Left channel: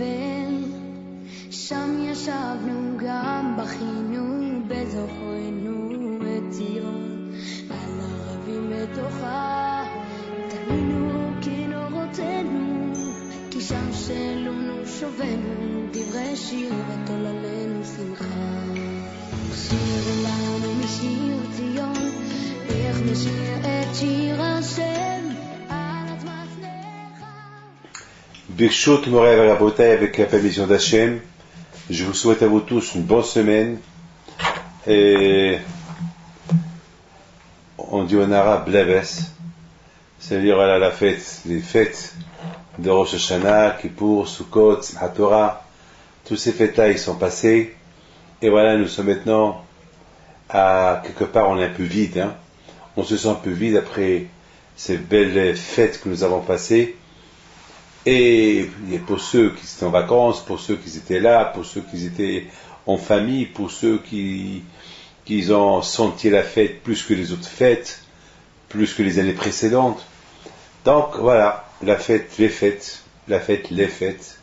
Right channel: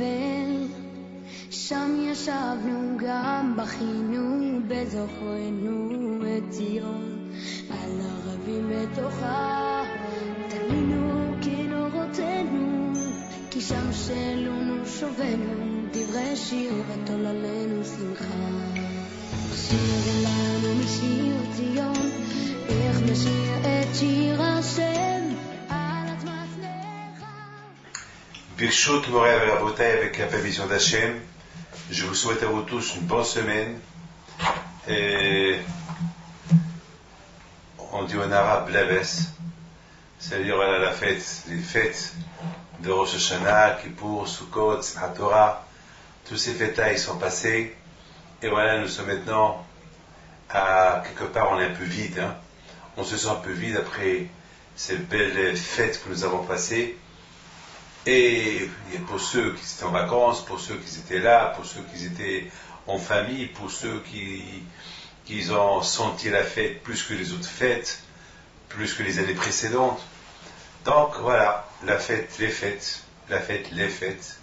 בבל, שם ישבנו גם בכינו בזוכרנו את ציון, על ערבים בתוכה תלינו כנורותינו, כי שם שלונו שובנו דברי שיר ותוללנו שמחה. שיר לנו משיר ציון, איך נשיר את שיר השם על אדמת נחל. Birshot Moray Valabotaï avec la permission d'Hachem. Je vous souhaite à vous tous une bonne semaine. Et on dit en arabe Bleves, c'est-à-dire voilà, la fête, les fêtes de Rosh Hashanah, Kippour, Sukkot, Simchat Torah. Tous ces fêtes-là, ils sont passés. Et voilà, nous sommes maintenant à quelque part, on est un peu vide. Hein. On se sent un peu vide après ces belles fêtes que nous avons passées. Et pour ceux qui étaient en vacances, pour ceux qui étaient là, pour ceux qui étaient en famille, pour ceux qui ont senti la fête plus que les autres fêtes, plus que les années précédentes. Donc voilà, la fête, les fêtes, la fête, les fêtes.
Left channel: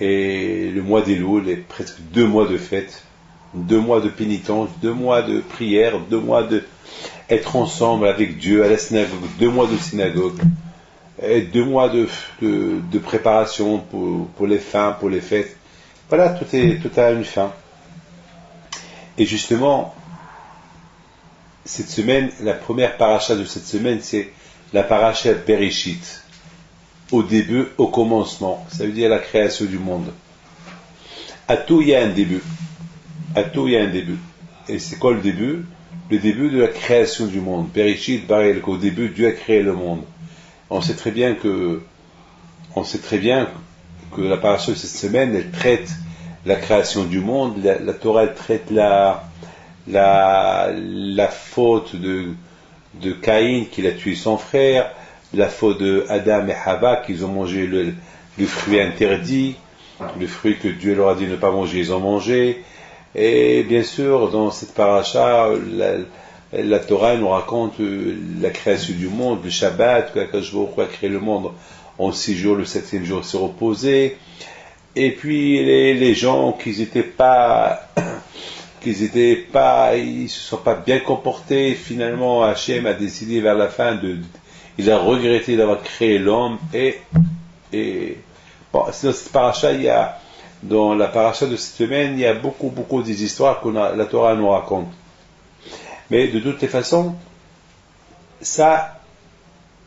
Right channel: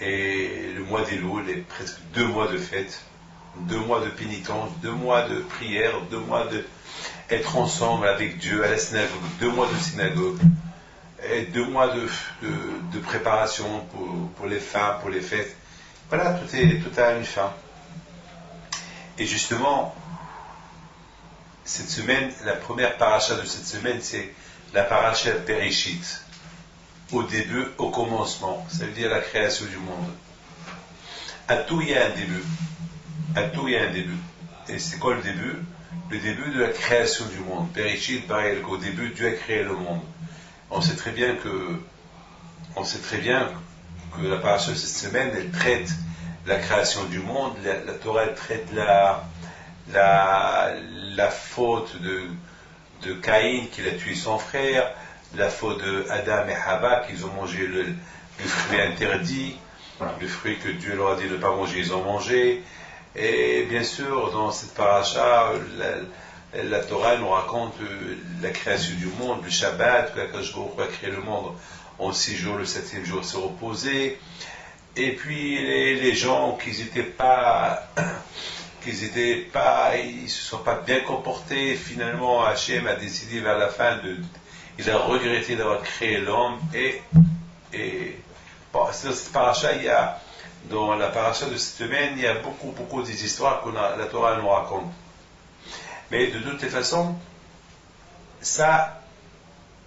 Et le mois d'Elul est presque 2 mois de fête, 2 mois de pénitence, 2 mois de prière, 2 mois de être ensemble avec Dieu à la synagogue, 2 mois de synagogue. Et 2 mois de préparation pour les fins, pour les fêtes. Voilà, tout a une fin. Et justement, cette semaine, la première paracha de cette semaine, c'est la paracha Bereshit. Au début, au commencement. Ça veut dire la création du monde. À tout, il y a un début. À tout, il y a un début. Et c'est quoi le début? Le début de la création du monde. Bereshit, Barel, qu'au début, Dieu a créé le monde. On sait très bien que la paracha de cette semaine, elle traite la création du monde. La Torah, elle traite la faute de Caïn, qu'il a tué son frère, la faute de Adam et Hava, qu'ils ont mangé le fruit interdit, le fruit que Dieu leur a dit de ne pas manger, ils ont mangé. Et bien sûr, dans cette paracha, la Torah nous raconte la création du monde, le Shabbat, que Akadosh Baruch Hu a créé le monde en 6 jours, le 7e jour s'est reposé. Et puis les gens ils se sont pas bien comportés. Finalement, Hachem a décidé vers la fin il a regretté d'avoir créé l'homme. Et bon, dans cette paracha, dans la paracha de cette semaine, il y a beaucoup des histoires que la Torah nous raconte. Mais de toutes les façons, ça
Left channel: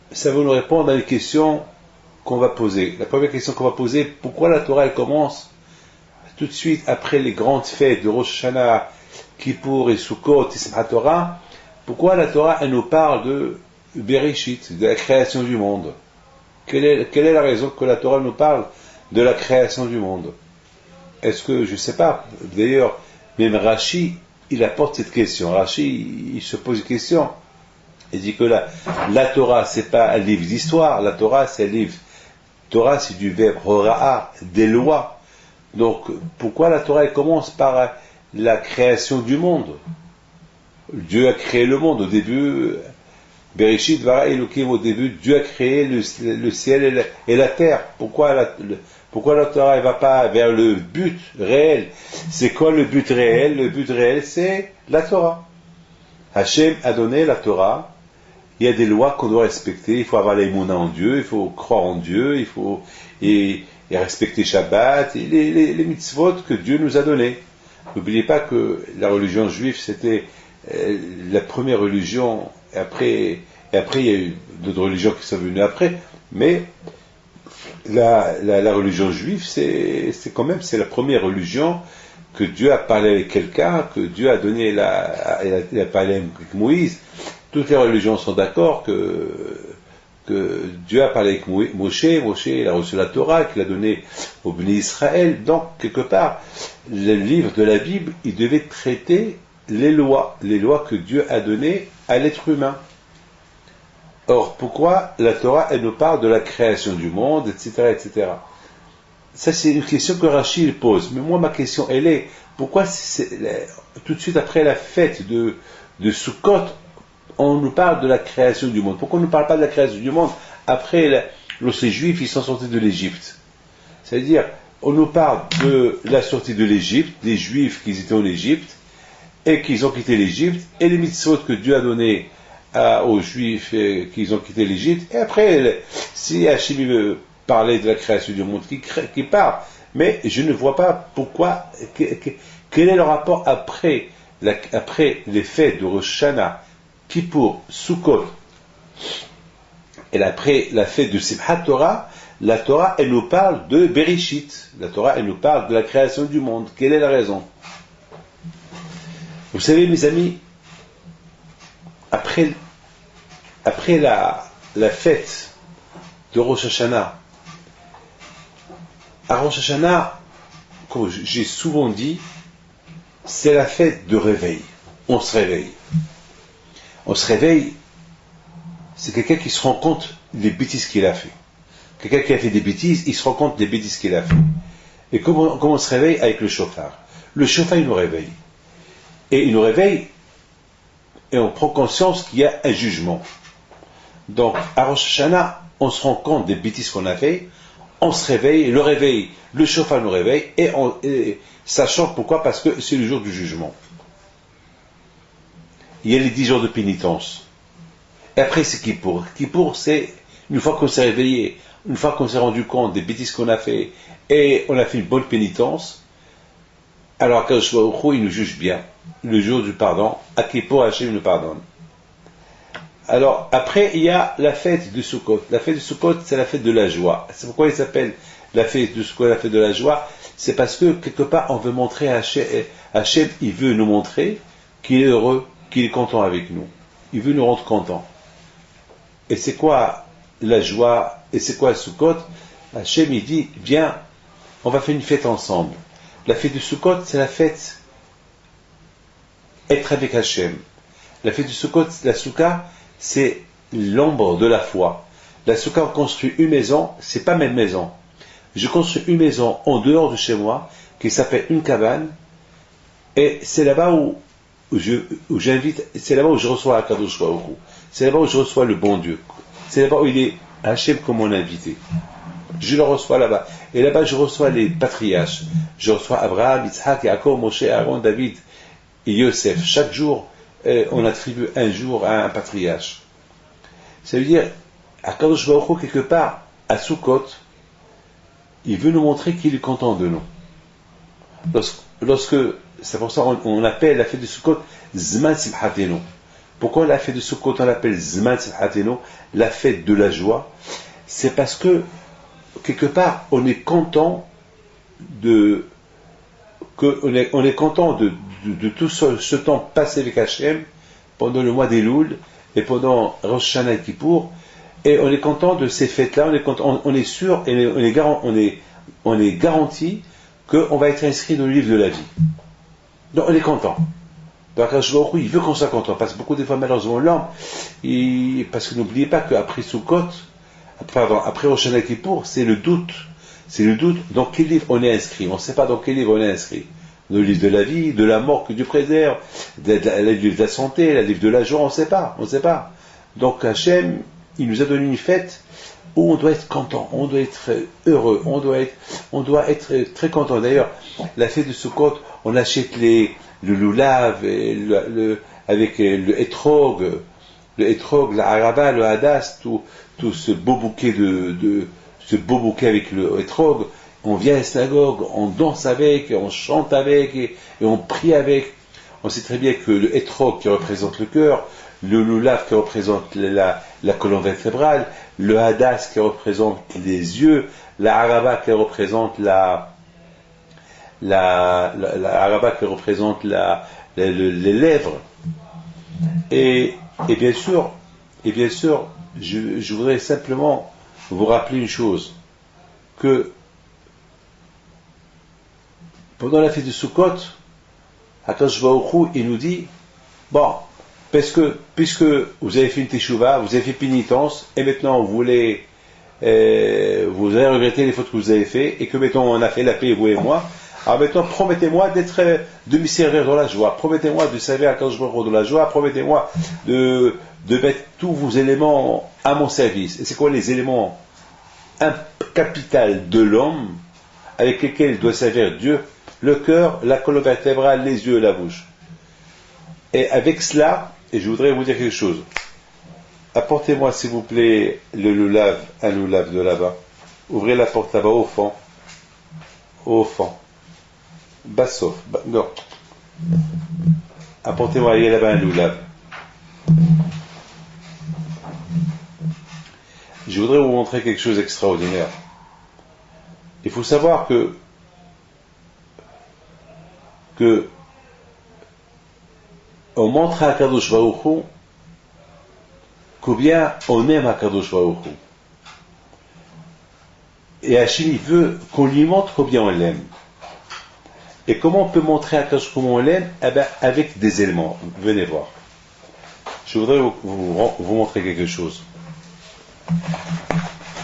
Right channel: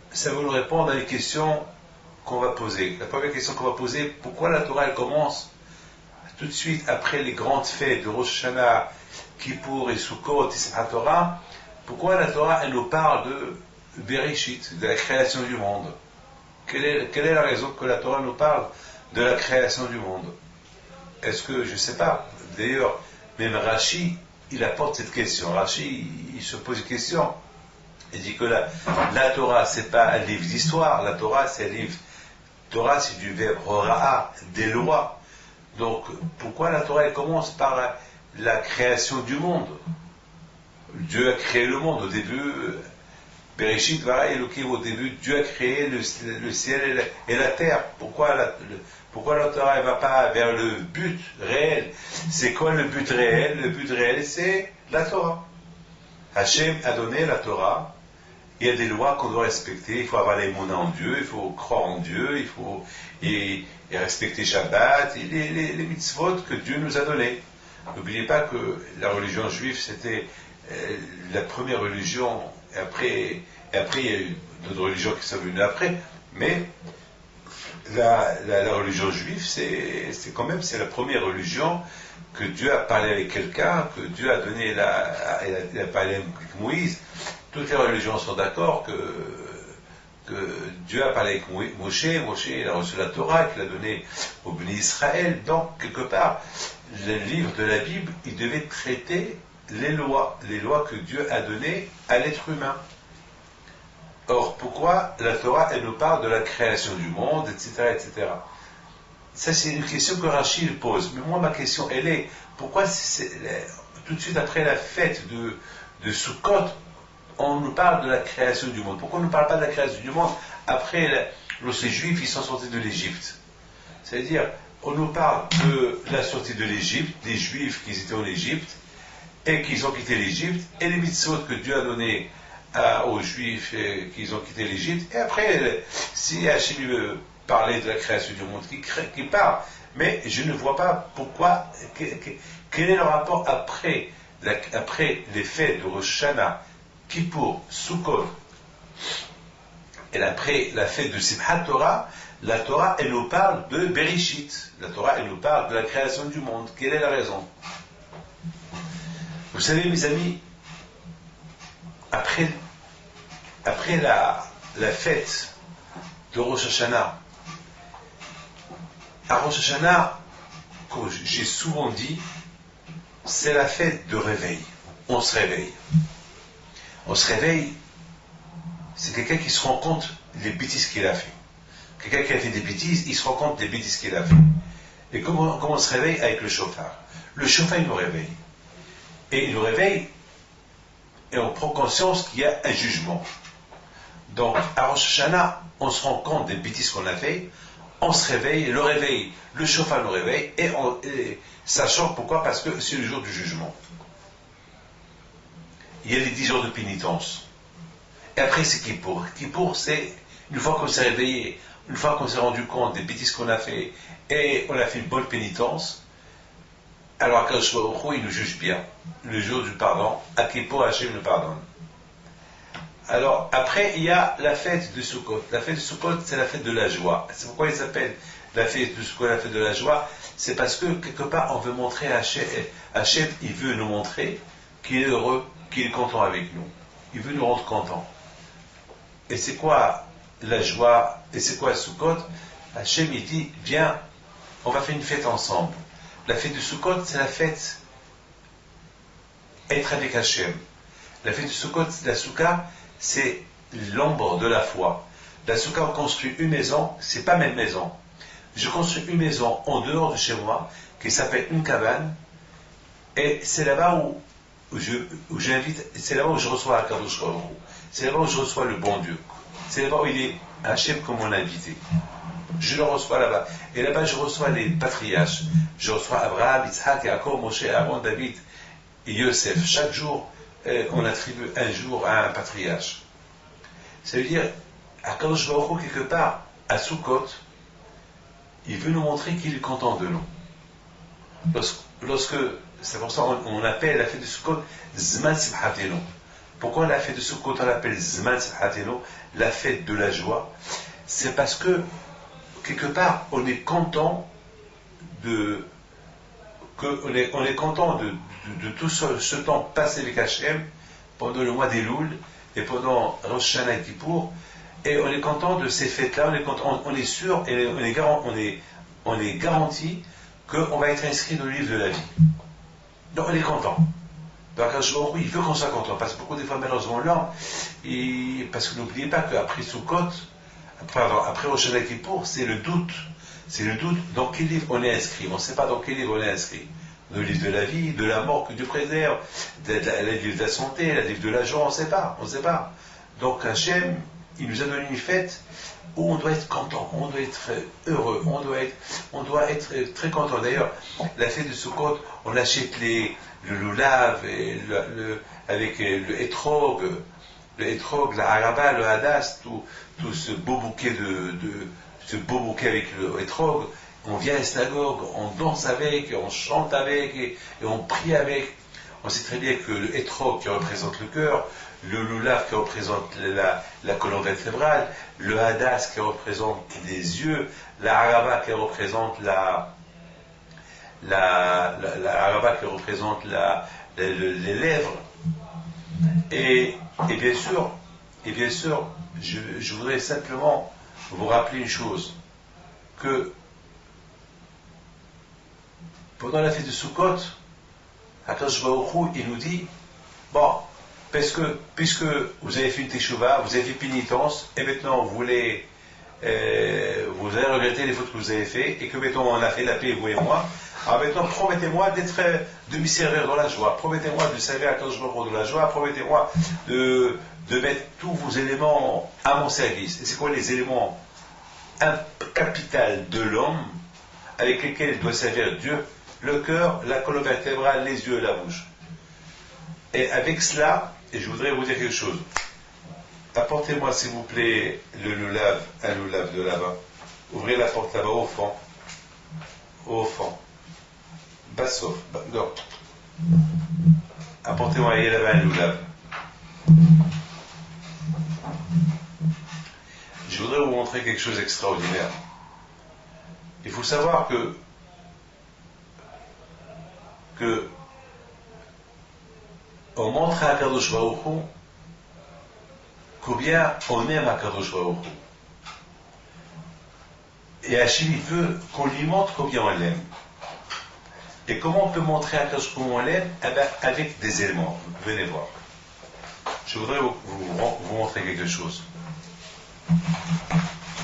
va nous répondre à une question qu'on va poser. La première question qu'on va poser, pourquoi la Torah elle commence tout de suite après les grandes fêtes de Rosh Hashanah, Kippour et Sukkot et Simchat Torah? Pourquoi la Torah elle nous parle de Bereshit, de la création du monde? Quelle est la raison que la Torah nous parle de la création du monde? Est-ce que, je ne sais pas, d'ailleurs, même Rashi, il apporte cette question. Rashi, il se pose une question. Il dit que la Torah, c'est pas un livre d'histoire. La Torah, c'est un livre. Torah, c'est du verbe hora'a, des lois. Donc, pourquoi la Torah, elle commence par la création du monde? Dieu a créé le monde. Au début, Bereshit bara Elokim, au début, Dieu a créé le ciel et la terre. Pourquoi la Torah ne va pas vers le but réel? C'est quoi le but réel? Le but réel, c'est la Torah. Hachem a donné la Torah. Il y a des lois qu'on doit respecter. Il faut avoir l'émouna en Dieu, il faut croire en Dieu, il faut et respecter Shabbat, et les mitzvot que Dieu nous a donnés. N'oubliez pas que la religion juive, c'était la première religion, et après il y a eu d'autres religions qui sont venues après, mais la religion juive, c'est la première religion que Dieu a parlé avec quelqu'un, que Dieu a donné il a parlé avec Moïse. Toutes les religions sont d'accord que Dieu a parlé avec Moshe, il a reçu la Torah, qu'il a donné au Béni Israël. Donc, quelque part, le livre de la Bible, il devait traiter les lois que Dieu a données à l'être humain. Or, pourquoi la Torah, elle nous parle de la création du monde, etc., etc. Ça, c'est une question que Rashi pose. Mais moi, ma question, elle est, pourquoi tout de suite après la fête de Sukkot, on nous parle de la création du monde? Pourquoi on ne nous parle pas de la création du monde après, lorsque les Juifs, ils sont sortis de l'Égypte? C'est-à-dire, on nous parle de la sortie de l'Égypte, des Juifs qui étaient en Égypte, et qu'ils ont quitté l'Égypte, et les mitzvot que Dieu a donné aux Juifs qu'ils ont quitté l'Égypte, et après, si Hachim veut parler de la création du monde, qui part, mais je ne vois pas pourquoi, quel est le rapport après les fêtes de Rosh Hashanah, Kippour, Sukkot, et après la fête de Simchat Torah, la Torah, elle nous parle de Bereshit. La Torah, elle nous parle de la création du monde. Quelle est la raison? Vous savez, mes amis, après la fête de Rosh Hashanah, à Rosh Hashanah, comme j'ai souvent dit, c'est la fête de réveil. On se réveille. On se réveille, c'est quelqu'un qui se rend compte des bêtises qu'il a fait. Quelqu'un qui a fait des bêtises, il se rend compte des bêtises qu'il a fait. Et comment on se réveille? Avec le chauffard. Le chauffard, il nous réveille. Et il nous réveille, et on prend conscience qu'il y a un jugement. Donc, à Rosh Hashanah, on se rend compte des bêtises qu'on a fait, on se réveille, le chauffard nous réveille, et sachant pourquoi? Parce que c'est le jour du jugement. Il y a les 10 jours de pénitence. Et après, c'est Kippour. Kippour, c'est une fois qu'on s'est réveillé, une fois qu'on s'est rendu compte des bêtises qu'on a fait, et on a fait une bonne pénitence, alors Akadosh Baruch Hu, il nous juge bien. Le jour du pardon, à Kippour, Hachem nous pardonne. Alors, après, il y a la fête de Sukkot. La fête de Sukkot, c'est la fête de la joie. C'est pourquoi il s'appelle la fête de Sukkot, la fête de la joie. C'est parce que, quelque part, on veut montrer à Hachem, il veut nous montrer qu'il est heureux, qu'il est content avec nous. Il veut nous rendre contents. Et c'est quoi la joie? Et c'est quoi le Sukkot? Hachem, il dit, viens, on va faire une fête ensemble. La fête de Sukkot, c'est la fête être avec Hachem. La fête de Sukkot, la Souka, c'est l'ombre de la foi. La Souka, on construit une maison, c'est pas même maison. Je construis une maison en dehors de chez moi, qui s'appelle une cabane, et c'est là-bas où j'invite, c'est là-bas où je reçois Akadosh Baruch Hu. C'est là-bas où je reçois le bon Dieu. C'est là-bas où il est Hachem comme mon invité. Je le reçois là-bas. Et là-bas, je reçois les patriarches. Je reçois Abraham, Yitzhak, Yaakov, Moshe, Aaron, David et Yosef. Chaque jour, on attribue un jour à un patriarche. Ça veut dire, Akadosh Baruch Hu, quelque part, à Sukkot, il veut nous montrer qu'il est content de nous. C'est pour ça qu'on appelle la fête de Sukkot Zman Simchatenu. Pourquoi la fête de Sukkot on l'appelle Zman Simchatenu, la fête de la joie? C'est parce que, quelque part, on est content de tout ce temps passé avec Hachem pendant le mois d'Elul et pendant Rosh Hashanah et Kippour, et on est content de ces fêtes-là, on est sûr et on est garanti qu'on va être inscrit dans le livre de la vie. Donc on est content. Donc il veut qu'on soit content, parce que beaucoup des fois malheureusement l'homme, parce que n'oubliez pas qu'après Sukkot, après Rosh Hashanah et Kippour, c'est le doute. C'est le doute dans quel livre on est inscrit. On ne sait pas dans quel livre on est inscrit. Dans le livre de la vie, de la mort que Dieu préserve, le livre de la santé, le livre de la joie, on ne sait pas. On ne sait pas. Donc Hachem, il nous a donné une fête où on doit être content, on doit être heureux, on doit être très content. D'ailleurs, la fête de Sukkot, on achète le loulav et avec le hétrog, la haraba, le hadas, tout ce beau bouquet ce beau bouquet avec le hétrog, on vient à la synagogue, on danse avec, on chante avec, et on prie avec. On sait très bien que le hétrog qui représente le cœur, le loulav qui représente la colonne vertébrale, le hadas qui représente les yeux, la haraba qui représente les lèvres. Et bien sûr, je voudrais simplement vous rappeler une chose, que pendant la fête de Sukkot, Akadosh Baruch Hu, il nous dit, bon, puisque vous avez fait une teshuva, vous avez fait pénitence, et maintenant vous avez regretté les fautes que vous avez fait, et que maintenant on a fait la paix, vous et moi, alors maintenant promettez-moi de me servir dans la joie, promettez-moi de servir Akadosh Baruch Hu dans la joie, promettez-moi de mettre tous vos éléments à mon service. Et c'est quoi les éléments capital de l'homme? avec lesquels il doit servir Dieu, le cœur, la colonne vertébrale, les yeux, la bouche. Et avec cela, et je voudrais vous dire quelque chose. Apportez-moi s'il vous plaît le loulav, un loulav de là-bas. Ouvrez la porte là-bas au fond. Au fond. Bassof. Non. Apportez-moi, il y a là-bas un loulav. Je voudrais vous montrer quelque chose d'extraordinaire. Il faut savoir que on montre à Kadosh Baruch Hu combien on aime à Kadosh Baruch Hu. Et Hachem, il veut qu'on lui montre combien on l'aime. Et comment on peut montrer à Kadosh comment on l'aime? Eh bien, avec des éléments. Venez voir. Je voudrais vous montrer quelque chose.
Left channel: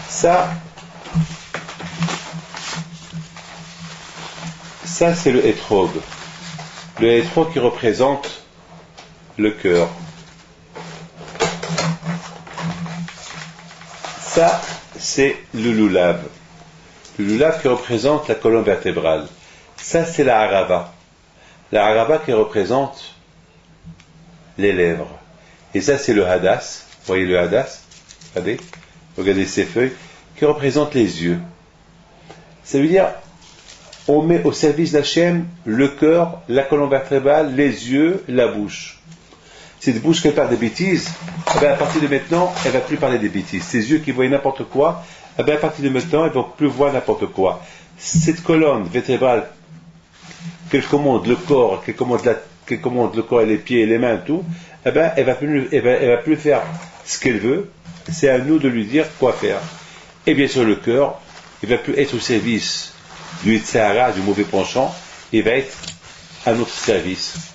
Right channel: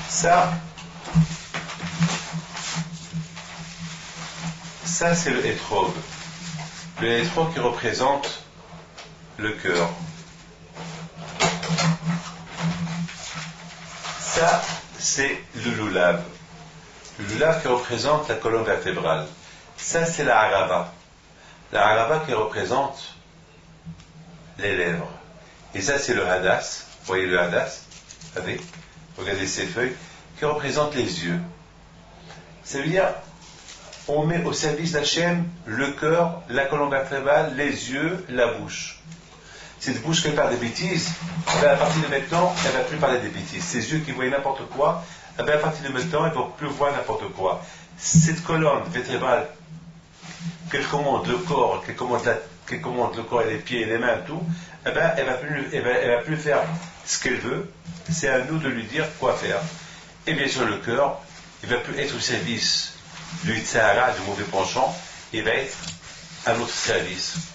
Ça c'est le hétrog. Le hétrog qui représente le cœur. Ça, c'est le loulav. Le loulav qui représente la colonne vertébrale. Ça, c'est la harava. La harava qui représente les lèvres. Et ça, c'est le hadas. Vous voyez le hadas? Regardez ces feuilles. Qui représente les yeux. Ça veut dire, on met au service d'Hachem le cœur, la colonne vertébrale, les yeux, la bouche. Cette bouche qui parle des bêtises, eh bien, à partir de maintenant, elle ne va plus parler des bêtises. Ces yeux qui voient n'importe quoi, eh bien, à partir de maintenant, ils ne vont plus voir n'importe quoi. Cette colonne vertébrale, qu'elle commande le corps, qu'elle commande le corps et les pieds et les mains, tout, eh bien, elle va plus faire ce qu'elle veut. C'est à nous de lui dire quoi faire. Et bien sûr, le cœur, il ne va plus être au service du Yitzhara, du mauvais penchant, il va être à notre service.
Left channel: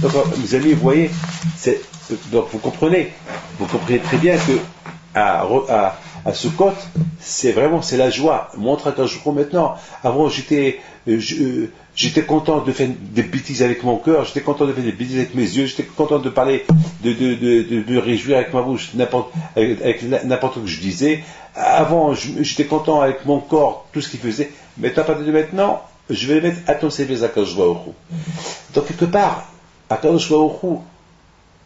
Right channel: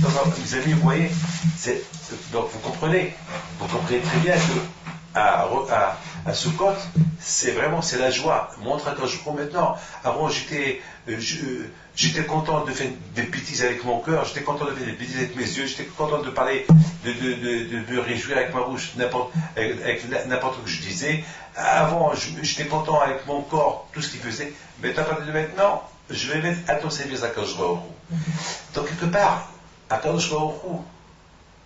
Donc, mes amis, vous voyez, donc vous comprenez très bien que à Sukkot, c'est la joie. Montre à Kajoukou maintenant. Avant, j'étais content de faire des bêtises avec mon cœur, j'étais content de faire des bêtises avec mes yeux, j'étais content de parler, de me réjouir avec ma bouche, avec n'importe quoi que je disais. Avant, j'étais content avec mon corps, tout ce qu'il faisait. Mais à partir de maintenant, je vais mettre à ton service à Kajoukou. Donc, quelque part, à Kajoukou,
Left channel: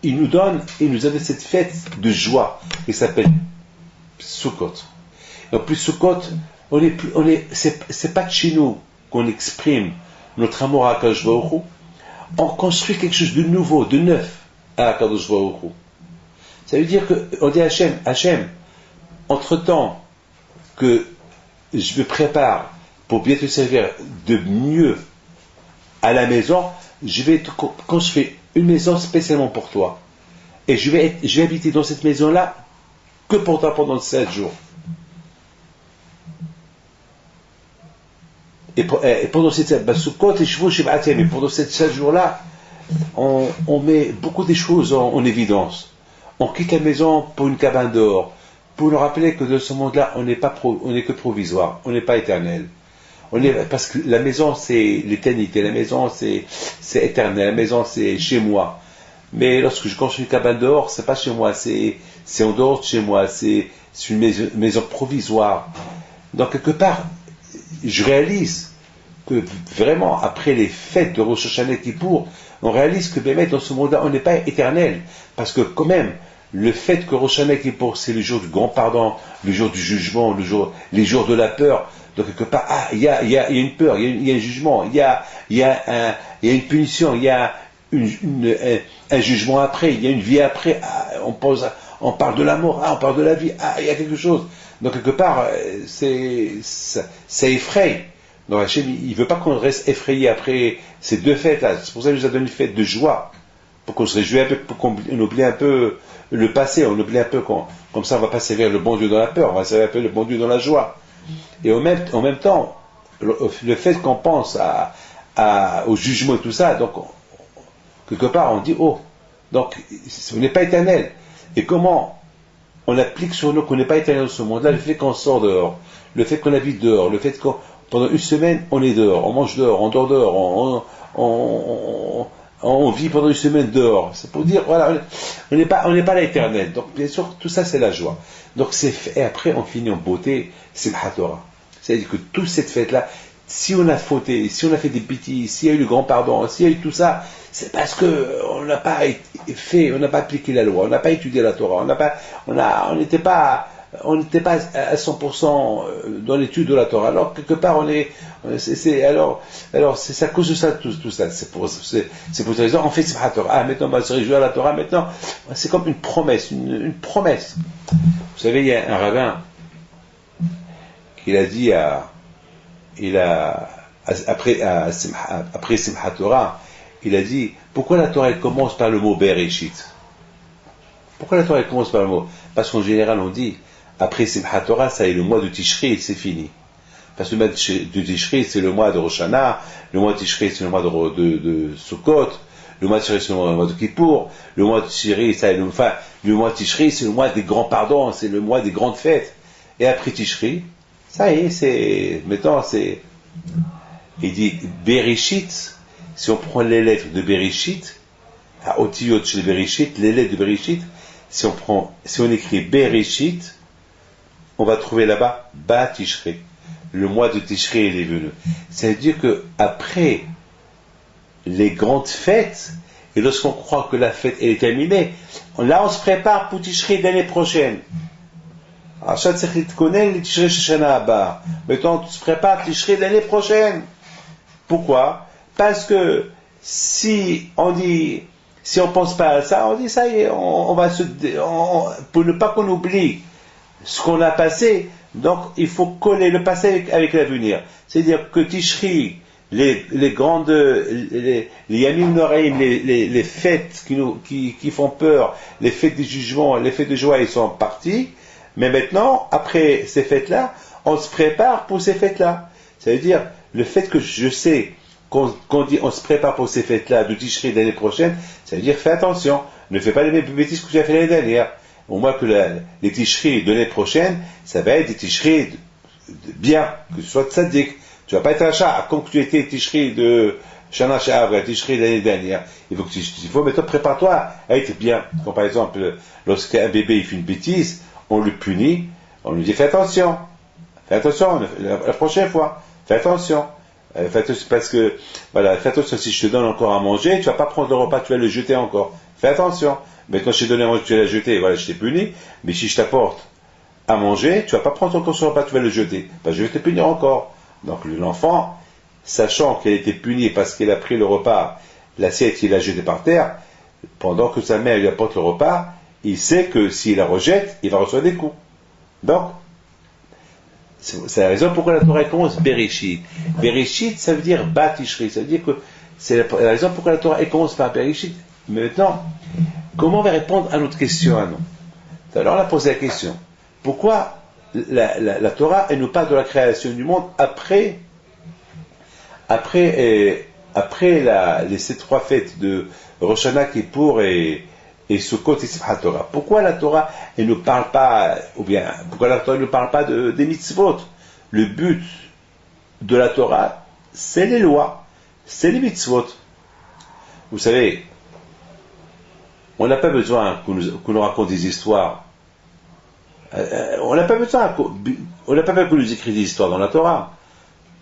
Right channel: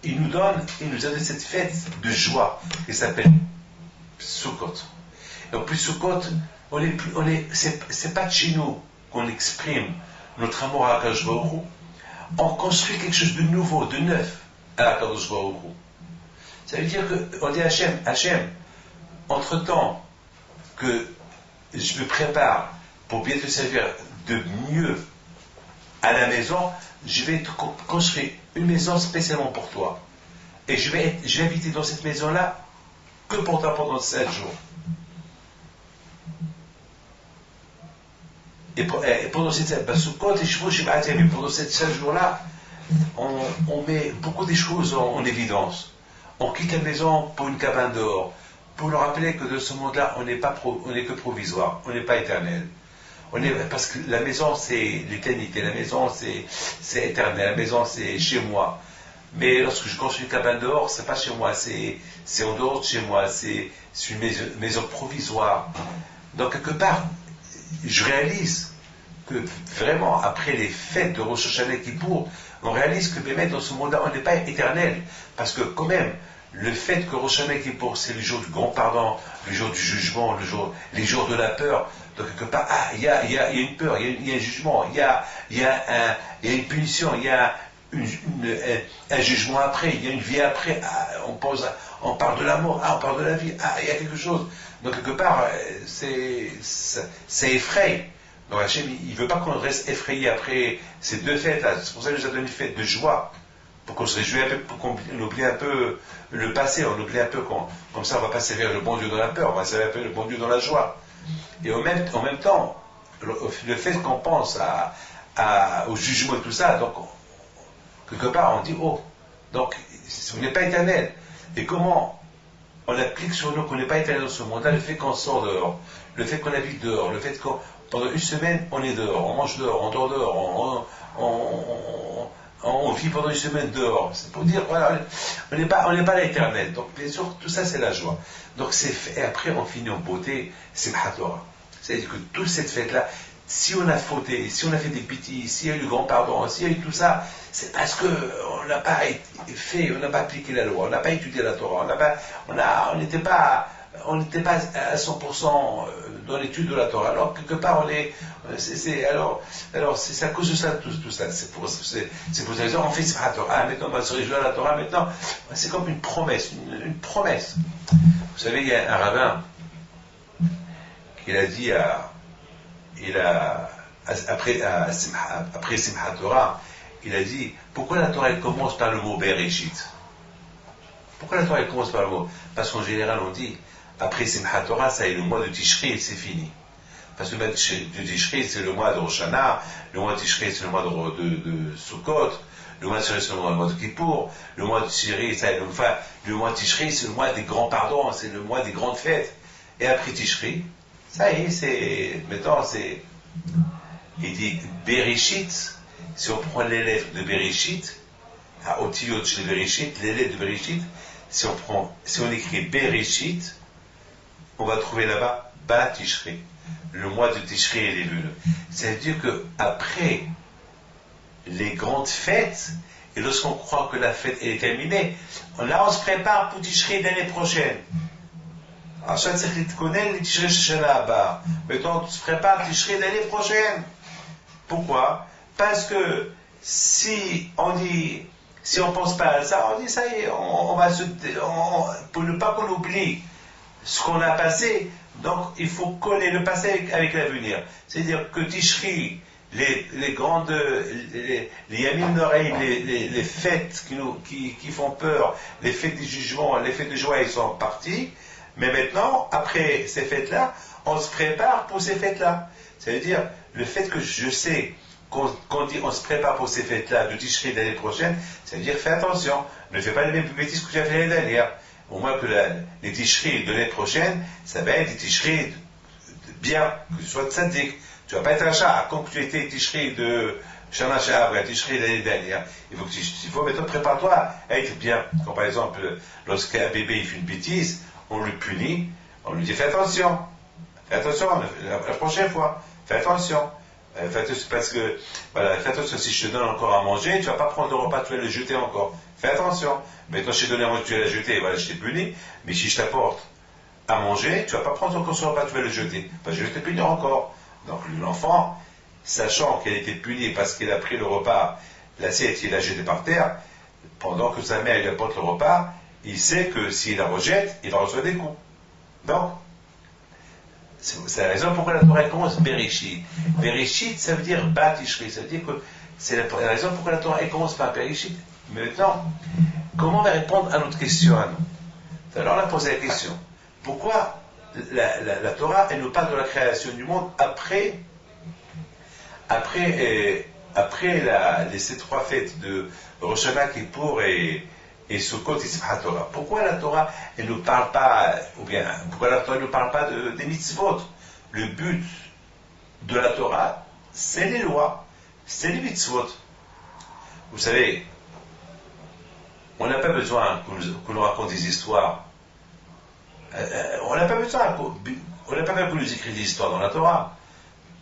il nous a donné cette fête de joie qui s'appelle Sukkot. Et en plus, Sukkot, c'est pas de chez nous qu'on exprime notre amour à Akadosh Baruch Hu. On construit quelque chose de nouveau, de neuf à Akadosh Baruch Hu. Ça veut dire qu'on dit à Hachem, entre-temps que je me prépare pour bien te servir de mieux à la maison, je vais te construire une maison spécialement pour toi. Et je vais habiter dans cette maison-là que pour toi pendant 7 jours. Et pendant ces 7 jours-là, on met beaucoup de choses en évidence. On quitte la maison pour une cabane dehors, pour nous rappeler que dans ce monde-là, on n'est que provisoire, on n'est pas éternel. Parce que la maison, c'est l'éternité, la maison, c'est éternel, la maison, c'est chez moi. Mais lorsque je construis une cabane dehors, c'est pas chez moi, c'est en dehors de chez moi, c'est une maison provisoire. Donc, quelque part, je réalise que vraiment, après les fêtes de Rosh Hashanah et Kippour, on réalise que même dans ce monde-là, on n'est pas éternel. Parce que quand même, le fait que Rosh Hashanah et Kippour, c'est le jour du grand pardon, le jour du jugement, les jours de la peur. Donc quelque part, il y a une peur, il y a un jugement, il y a une punition, il y a un jugement après, il y a une vie après. On parle de la mort, on parle de la vie, il y a quelque chose. Donc quelque part, ça effraie. Donc Hachem, il ne veut pas qu'on reste effrayé après ces deux fêtes-là. C'est pour ça qu'il nous a donné une fête de joie, pour qu'on se réjouisse un peu, pour qu'on oublie un peu le passé, on oublie un peu, comme ça on ne va pas servir le bon Dieu dans la peur, on va servir un peu le bon Dieu dans la joie. Et en même temps, le fait qu'on pense au jugement et tout ça, donc quelque part on dit, donc on n'est pas éternel. Et comment on applique sur nous qu'on n'est pas éternel dans ce monde-là, le fait qu'on sort dehors, le fait qu'on habite dehors, le fait qu'on pendant une semaine on est dehors, on mange dehors, on dort dehors, on vit pendant une semaine dehors. C'est pour dire, voilà, on n'est pas l'éternel. Donc bien sûr, tout ça c'est la joie. Donc et après on finit en beauté, Simchat Torah. C'est-à-dire que toute cette fête-là, si on a fauté, si on a fait des bêtises, s'il y a eu le grand pardon, s'il y a eu tout ça, c'est parce que on n'a pas fait, on n'a pas appliqué la loi, on n'a pas étudié la Torah, on n'était pas à 100% dans l'étude de la Torah. Alors quelque part alors c'est à cause de ça tout ça. C'est pour cette raison on fait Simchat Torah. Ah, maintenant on va se réjouir à la Torah. Maintenant c'est comme une promesse, une promesse. Vous savez, il y a un rabbin qui a dit après Simchat Torah, il a dit pourquoi la Torah commence par le mot Bereshit. Pourquoi la Torah commence par le mot? Parce qu'en général on dit après Simchat Torah, ça est le mois de Tishri, c'est fini. Parce que le mois de Tishri, c'est le mois de Rosh Hashanah, le mois de Tishri, c'est le mois de Sukkot, le mois de Tishri, c'est le mois de Kippour, le mois de Tishri, le mois de Tishri, c'est le mois des grands pardons, c'est le mois des grandes fêtes. Et après Tishri, ça y est, il dit Bereshit, si on prend les lettres de Bereshit, à Otiyot chez Bereshit, les lettres de Bereshit, si on écrit Bereshit, on va trouver là-bas Ba Tishri. Le mois de Tishri, il est venu. Ça veut dire que après les grandes fêtes, et lorsqu'on croit que la fête est terminée, là on se prépare pour Tishri l'année prochaine. Maintenant on se prépare Tishri l'année prochaine. Pourquoi? Parce que si on pense pas à ça, on dit ça y est, pour ne pas qu'on oublie ce qu'on a passé, donc il faut coller le passé avec l'avenir. C'est-à-dire que Tishri, les Yamim Noraim, les fêtes qui font peur, les fêtes du jugement, les fêtes de joie, ils sont partis, mais maintenant, après ces fêtes-là, on se prépare pour ces fêtes-là. Ça veut dire, le fait que je sais qu'on dit on se prépare pour ces fêtes-là de Tishri l'année prochaine, ça veut dire fais attention, ne fais pas les mêmes bêtises que tu as fait l'année dernière. Au moins que les Tishri de l'année prochaine, ça va être des Tishri bien, que tu sois tzaddik. Tu vas pas être achat, comme tu étais Tishri de Shana Sha'avra, Tishri l'année dernière. Il faut maintenant prépare-toi à être bien. Comme par exemple, lorsqu'un bébé il fait une bêtise, on le punit, on lui dit fais attention la prochaine fois, fais attention. Parce que, voilà, fais attention, si je te donne encore à manger, tu vas pas prendre le repas, tu vas le jeter encore. Fais attention. Maintenant, je t'ai donné à manger, tu vas le jeter, voilà, je t'ai puni. Mais si je t'apporte à manger, tu vas pas prendre encore ce repas, tu vas le jeter. Parce que je vais te punir encore. Donc, l'enfant, sachant qu'elle était punie parce qu'elle a pris le repas, l'assiette, il l'a jeté par terre, pendant que sa mère lui apporte le repas, il sait que s'il la rejette, il va recevoir des coups. Donc, c'est la raison pourquoi la Torah commence Bereshit. Bereshit, ça veut dire Ba Tishri. Ça veut dire que c'est la raison pourquoi la Torah commence par Bereshit. Mais maintenant, comment on va répondre à notre question à nous? Alors on a posé la question. Pourquoi la Torah, elle nous parle de la création du monde après ces trois fêtes de Rosh Hashanah, Kippour et Sukkot et Simchat Torah? Pourquoi la Torah, elle ne parle pas, pourquoi la Torah ne parle pas des mitzvot? Le but de la Torah, c'est les lois, c'est les mitzvot. Vous savez, on n'a pas besoin qu'on nous raconte des histoires. On n'a pas besoin qu'on nous écrive des histoires dans la Torah.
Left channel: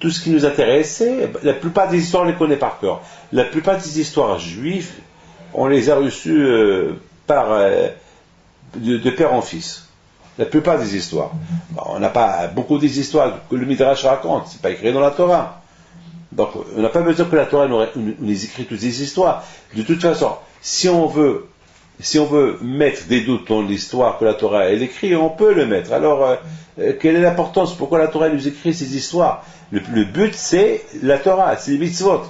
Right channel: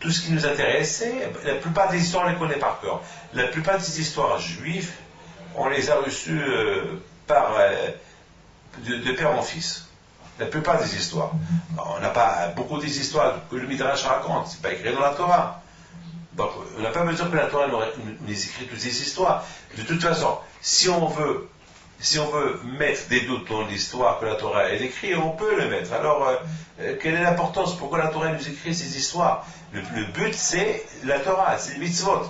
Tout ce qui nous intéresse, c'est, la plupart des histoires, on les connaît par cœur. La plupart des histoires juives, on les a reçues de père en fils. La plupart des histoires. On n'a pas beaucoup des histoires que le Midrash raconte, c'est pas écrit dans la Torah. Donc, on n'a pas besoin que la Torah nous écrit toutes ces histoires. De toute façon, si on veut mettre des doutes dans l'histoire que la Torah elle écrit, on peut le mettre. Alors, quelle est l'importance? Pourquoi la Torah nous écrit ces histoires? Le but, c'est la Torah, c'est les mitzvot.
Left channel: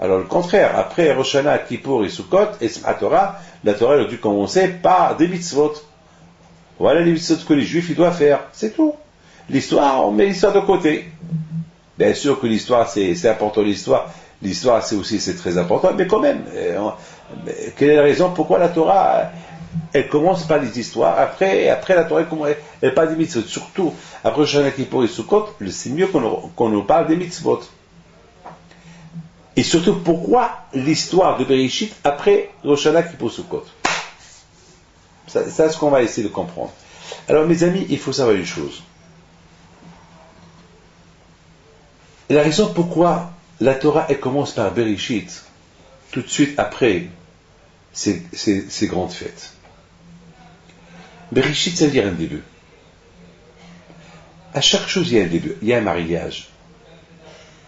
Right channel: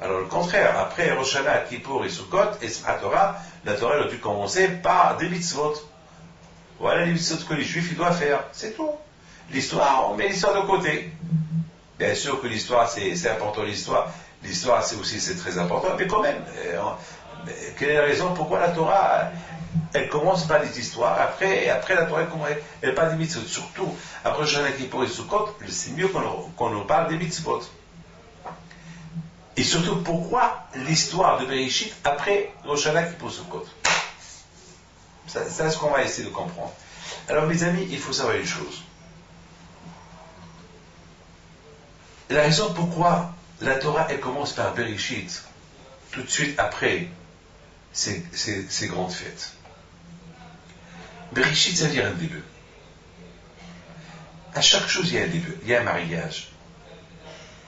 Alors, le contraire, après Rosh Hashanah, Kippour et Sukkot, et Simchat Torah, la Torah elle a dû commencer par des mitzvot. Voilà les mitzvot que les Juifs ils doivent faire, c'est tout. L'histoire, on met l'histoire de côté. Bien sûr que l'histoire, c'est important, l'histoire, c'est très important, mais quand même, quelle est la raison pourquoi la Torah, elle commence par les histoires, après la Torah, elle parle des mitzvot, surtout, après Rosh Hashanah, Kippour et Sukkot, c'est mieux qu'on nous parle des mitzvot. Et surtout, pourquoi l'histoire de Bereshit après Rosh Hashanah, Kippour, Sukkot? Ça, c'est ce qu'on va essayer de comprendre. Alors, mes amis, il faut savoir une chose. la raison pourquoi la Torah, elle commence par Bereshit, tout de suite après ces grandes fêtes. Bereshit, ça veut dire un début. À chaque chose, il y a un début. Il y a un mariage.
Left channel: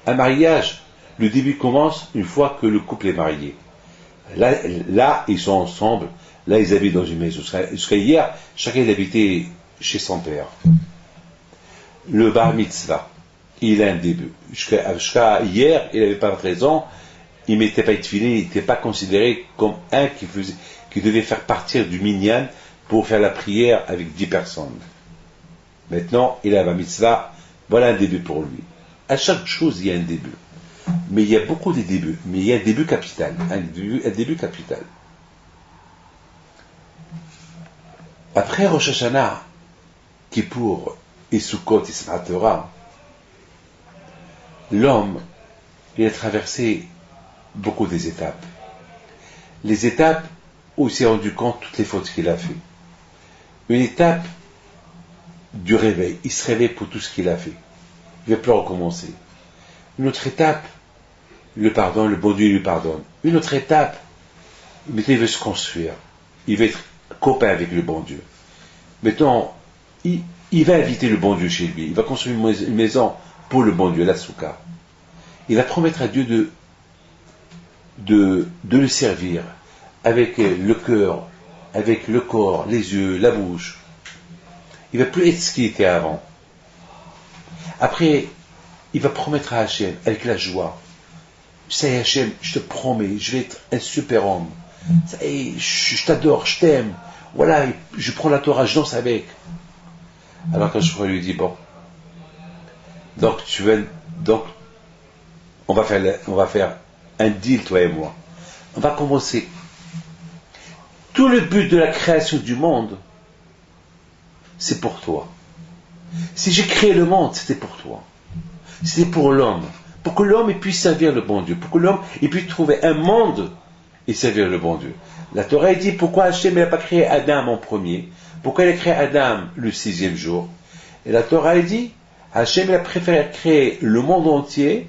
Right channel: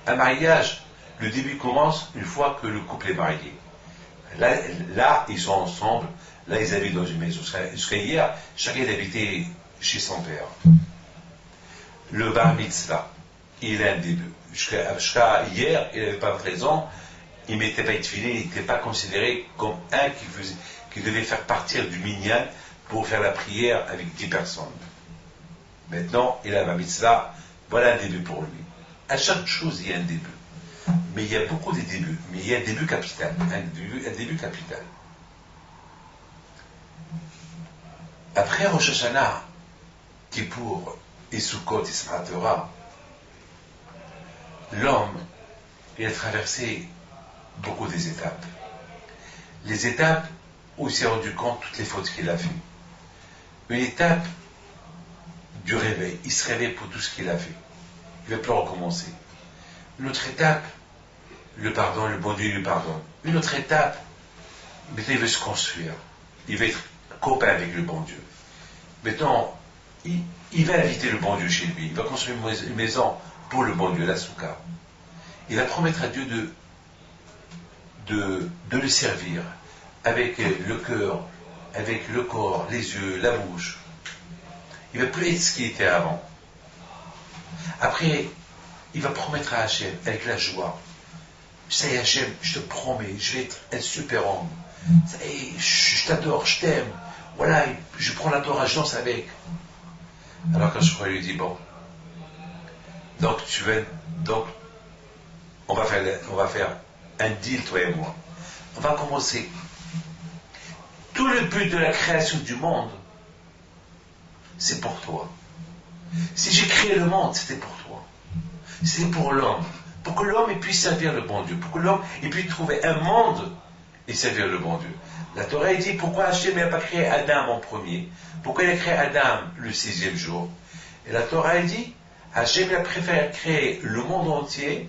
Un mariage, le début commence une fois que le couple est marié. Là, ils sont ensemble. Là, ils habitent dans une maison. Jusqu'à hier, chacun habitait chez son père. Le bar mitzvah, il a un début. Jusqu'à hier, il n'avait pas de raison. Il ne mettait pas de tefillin, il n'était pas considéré comme un qui devait faire partir du minyan pour faire la prière avec 10 personnes. Maintenant, il a la mitzvah, voilà un début pour lui. À chaque chose, il y a un début. Mais il y a beaucoup de débuts. Mais il y a un début capital. Un début capital. Après Rosh Hashanah, Kippour et Sukkot et Simchat Torah, l'homme, il a traversé beaucoup des étapes. Les étapes où il s'est rendu compte de toutes les fautes qu'il a fait. Une étape du réveil. Il se réveille pour tout ce qu'il a fait. Il ne va plus recommencer. Une autre étape, le pardon, le bon Dieu lui pardonne. Une autre étape, maintenant il veut se construire. Il veut être copain avec le bon Dieu. Maintenant, il va inviter le bon Dieu chez lui. Il va construire une maison pour le bon Dieu, la Souka. Il va promettre à Dieu de le servir avec le cœur, avec le corps, les yeux, la bouche. Il ne va plus être ce qu'il était avant. Après, il va promettre à Hachem, avec la joie. Ça y est, Hachem, je te promets, je vais être un super homme. Ça y est, je t'adore, je t'aime. Voilà, je prends la Torah, je danse avec. Alors quand je lui dis, bon, donc on va faire un deal, toi et moi. On va commencer. Tout le but de la création du monde, c'est pour toi. Si j'ai créé le monde, c'était pour toi. C'était pour l'homme. Pour que l'homme puisse servir le bon Dieu. Pour que l'homme puisse trouver un monde et servir le bon Dieu. La Torah dit pourquoi Hachem n'a pas créé Adam en premier. Pourquoi il a créé Adam le 6e jour. Et la Torah dit Hachem a préféré créer le monde entier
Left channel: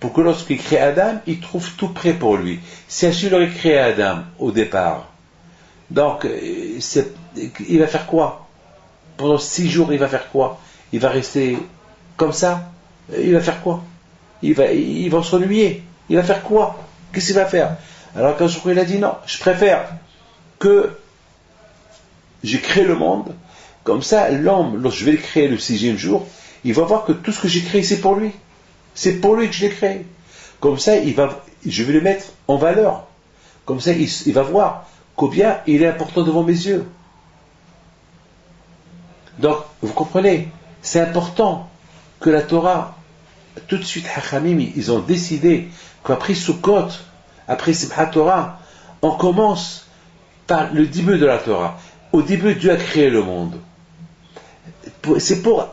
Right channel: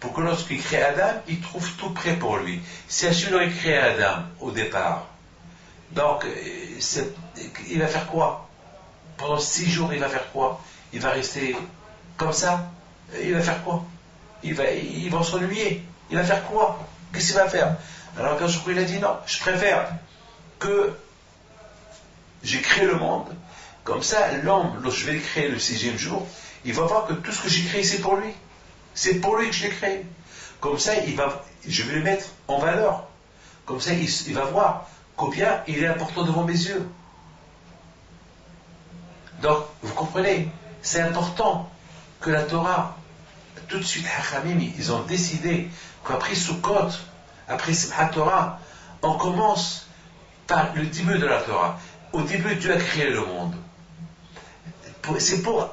pour que lorsqu'il crée Adam, il trouve tout prêt pour lui. Si Hachem aurait créé Adam au départ, donc il va faire quoi? Pendant 6 jours, il va faire quoi? Il va rester comme ça? Il va faire quoi? Il va s'ennuyer. Il va faire quoi? Qu'est-ce qu'il va faire? Alors quand il a dit non, je préfère que j'ai créé le monde, comme ça l'homme, lorsque je vais le créer le 6e jour, il va voir que tout ce que j'ai créé c'est pour lui. C'est pour lui que je l'ai créé. Comme ça, je vais le mettre en valeur. Comme ça, il va voir combien il est important devant mes yeux. Donc, vous comprenez, c'est important que la Torah, tout de suite, Hachamim, ils ont décidé qu'après Sukkot, après Simchat Torah, on commence par le début de la Torah. Au début, Dieu a créé le monde. C'est pour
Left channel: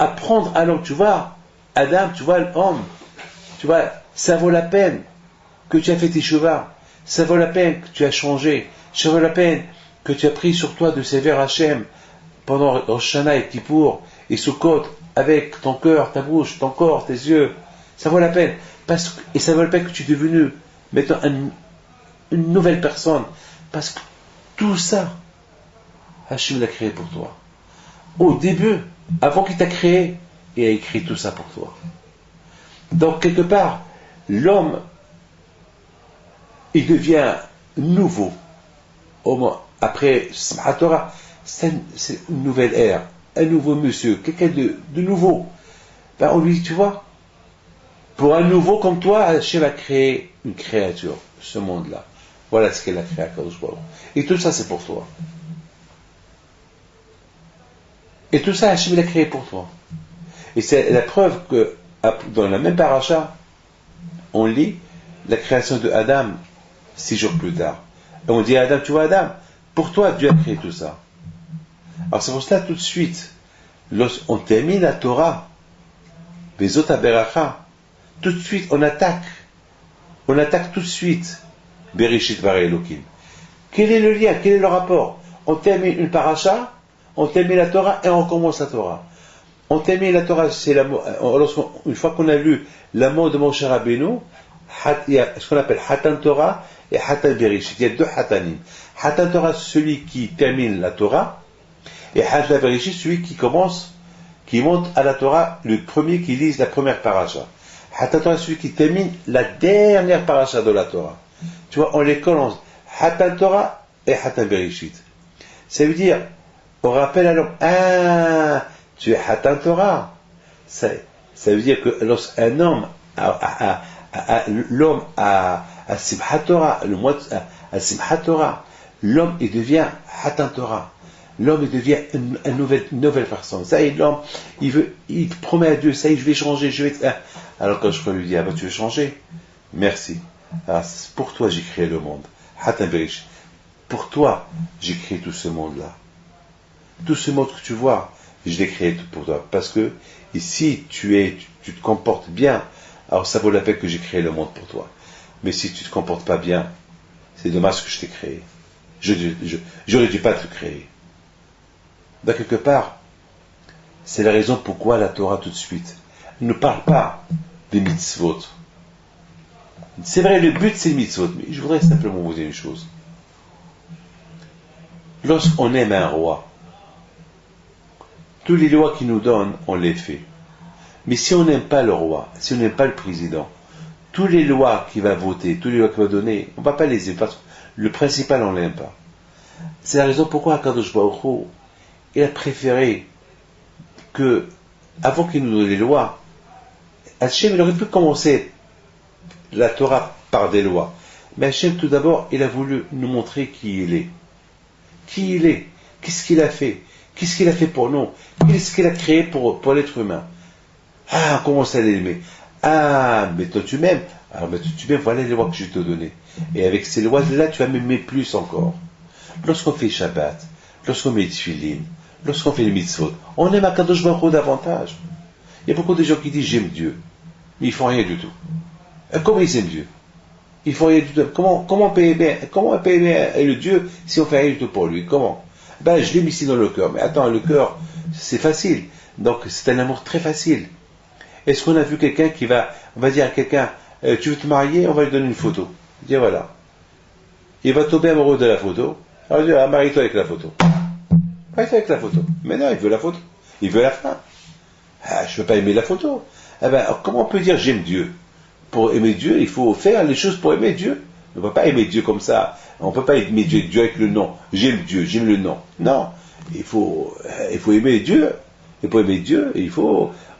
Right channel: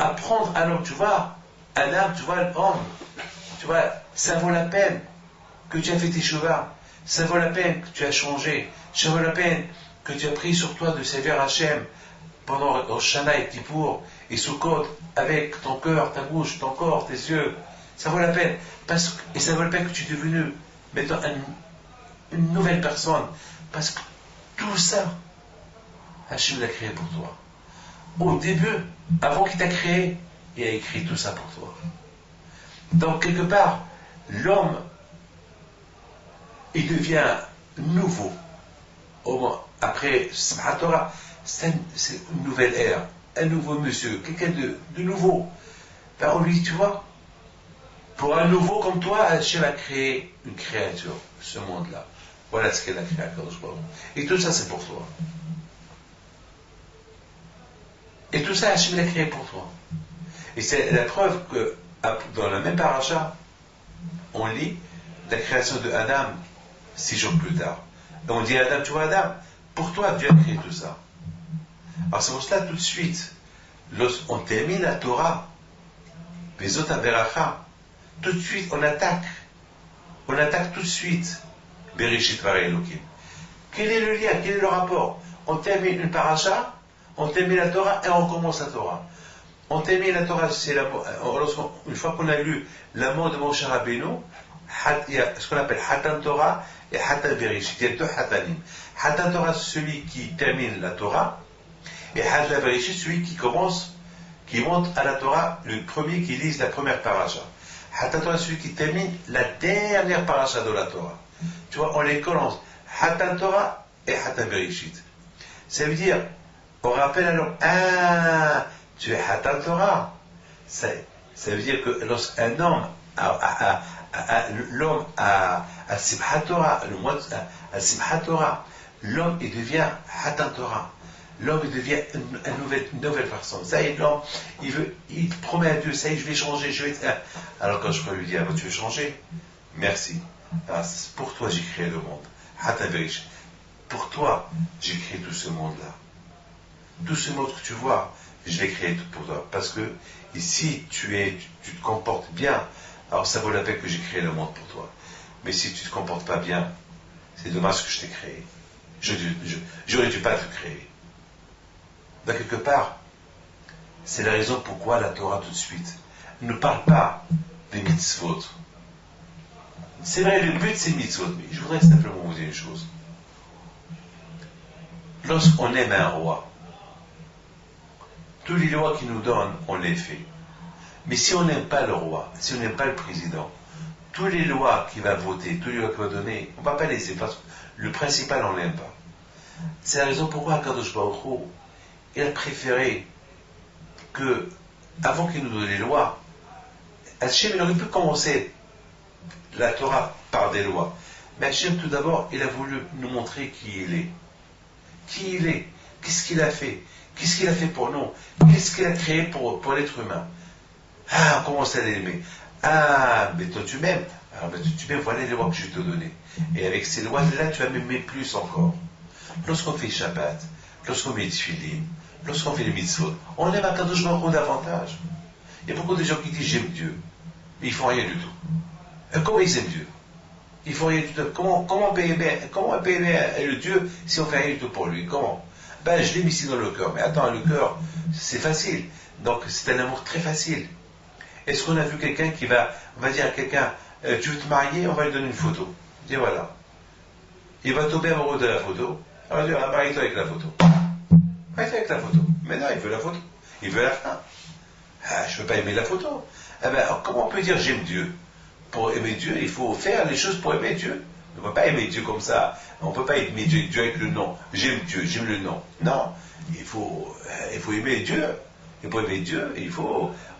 apprendre à l'homme, tu vois, Adam, tu vois, l'homme, tu vois, ça vaut la peine que tu as fait tes chevaux, ça vaut la peine que tu as changé, ça vaut la peine que tu as pris sur toi de servir Hachem pendant Rosh Hashanah et Kippour et Sukkot avec ton cœur, ta bouche, ton corps, tes yeux. Ça vaut la peine. Et ça vaut la peine que tu es devenu maintenant une nouvelle personne. Parce que tout ça, Hachem l'a créé pour toi. Au début, avant qu'il t'a créé, il a écrit tout ça pour toi. Donc, quelque part, l'homme, il devient nouveau. Après Simchat Torah, c'est une nouvelle ère, un nouveau monsieur, quelqu'un de nouveau. Ben, on lui dit, tu vois, pour un nouveau comme toi, Hachem a créé une créature, ce monde-là. Voilà ce qu'elle a créé à Kadosh Baruch. Et tout ça, c'est pour toi. Et tout ça, Hachem l'a créé pour toi. Et c'est la preuve que, dans la même paracha, on lit la création de Adam 6 jours plus tard. Et on dit à Adam, tu vois Adam, pour toi, Dieu a créé tout ça. Alors c'est pour cela, tout de suite, lorsqu'on termine la Torah, Bezot Aberacha, tout de suite, on attaque tout de suite, Bereshit Bara Elokim. Quel est le lien, quel est le rapport? On termine une paracha, on termine la Torah et on recommence la Torah. On termine la Torah, c'est une fois qu'on a lu la mort de Moshe Rabbeinu, il y a ce qu'on appelle Hatan Torah et Hatan Bereshit. Il y a deux Hatanim. Hatan Torah, celui qui termine la Torah, et Hatan Bereshit, celui qui monte à la Torah, le premier qui lise la première paracha. Hatan Torah, celui qui termine la dernière paracha de la Torah. Tu vois, on les commence. Hatan Torah et Hatan Bereshit. Ça veut dire, on rappelle à l'homme, ah, tu es Hatan Torah. Ça veut dire que lorsqu'un homme, l'homme à Simchat Torah, le mois à Simchat Torah, l'homme il devient Hatan Torah. L'homme il devient une nouvelle personne. Ça y est, l'homme, il promet à Dieu, ça y est, je vais changer, Alors quand je lui dis, ah ben tu veux changer? Merci. Alors pour toi j'ai créé le monde. Hatan Bereshit. Pour toi, j'ai créé tout ce monde-là. Tout ce monde que tu vois, je l'ai créé tout pour toi. Parce que si tu te comportes bien, alors ça vaut la peine que j'ai créé le monde pour toi. Mais si tu ne te comportes pas bien, c'est dommage que je t'ai créé. J'aurais dû pas te créer. Ben, quelque part, c'est la raison pourquoi la Torah tout de suite ne parle pas des mitzvot. C'est vrai, le but c'est le mitzvot, mais je voudrais simplement vous dire une chose. Lorsqu'on aime un roi, toutes les lois qu'il nous donne, on les fait. Mais si on n'aime pas le roi, si on n'aime pas le président, toutes les lois qu'il va voter, toutes les lois qu'il va donner, on ne va pas les aimer, parce que le principal, on ne l'aime pas. C'est la raison pourquoi Akadosh Baruch Hu, il a préféré que, avant qu'il nous donne les lois, Hachem, il aurait pu commencer la Torah par des lois. Mais Hachem, tout d'abord, il a voulu nous montrer qui il est. Qui il est. Qu'est-ce qu'il a fait. Qu'est-ce qu'il a fait pour nous. Qu'est-ce qu'il a créé pour l'être humain. Ah, on commence à l'aimer. Ah, mais toi tu m'aimes. Alors, mais tu m'aimes, voilà les lois que je te donner. Et avec ces lois-là, tu vas m'aimer plus encore. Lorsqu'on fait Shabbat, lorsqu'on met Tfilin, lorsqu'on fait les mitzvot, on aime Akadosh Baruch Hu davantage. Il y a beaucoup de gens qui disent j'aime Dieu, mais ils font rien du tout. Comment ils aiment Dieu? Ils font rien du tout. Comment on peut aimer le Dieu si on fait rien du tout pour lui? Comment? Ben, je l'aime ici dans le cœur. Mais attends, le cœur, c'est facile. Donc, c'est un amour très facile. Est-ce qu'on a vu quelqu'un on va dire à quelqu'un, tu veux te marier? On va lui donner une photo. Dis voilà. Il va tomber amoureux de la photo. Alors, je dis, marie-toi avec la photo. Marie-toi avec la photo. Mais non, il veut la photo. Il veut la femme. Ah, je ne peux pas aimer la photo. Eh ben, comment on peut dire j'aime Dieu? Pour aimer Dieu, il faut faire les choses pour aimer Dieu. On ne peut pas aimer Dieu comme ça. On ne peut pas aimer Dieu avec le nom. J'aime Dieu, j'aime le nom. Non. Il faut aimer Dieu. Et pour aimer Dieu,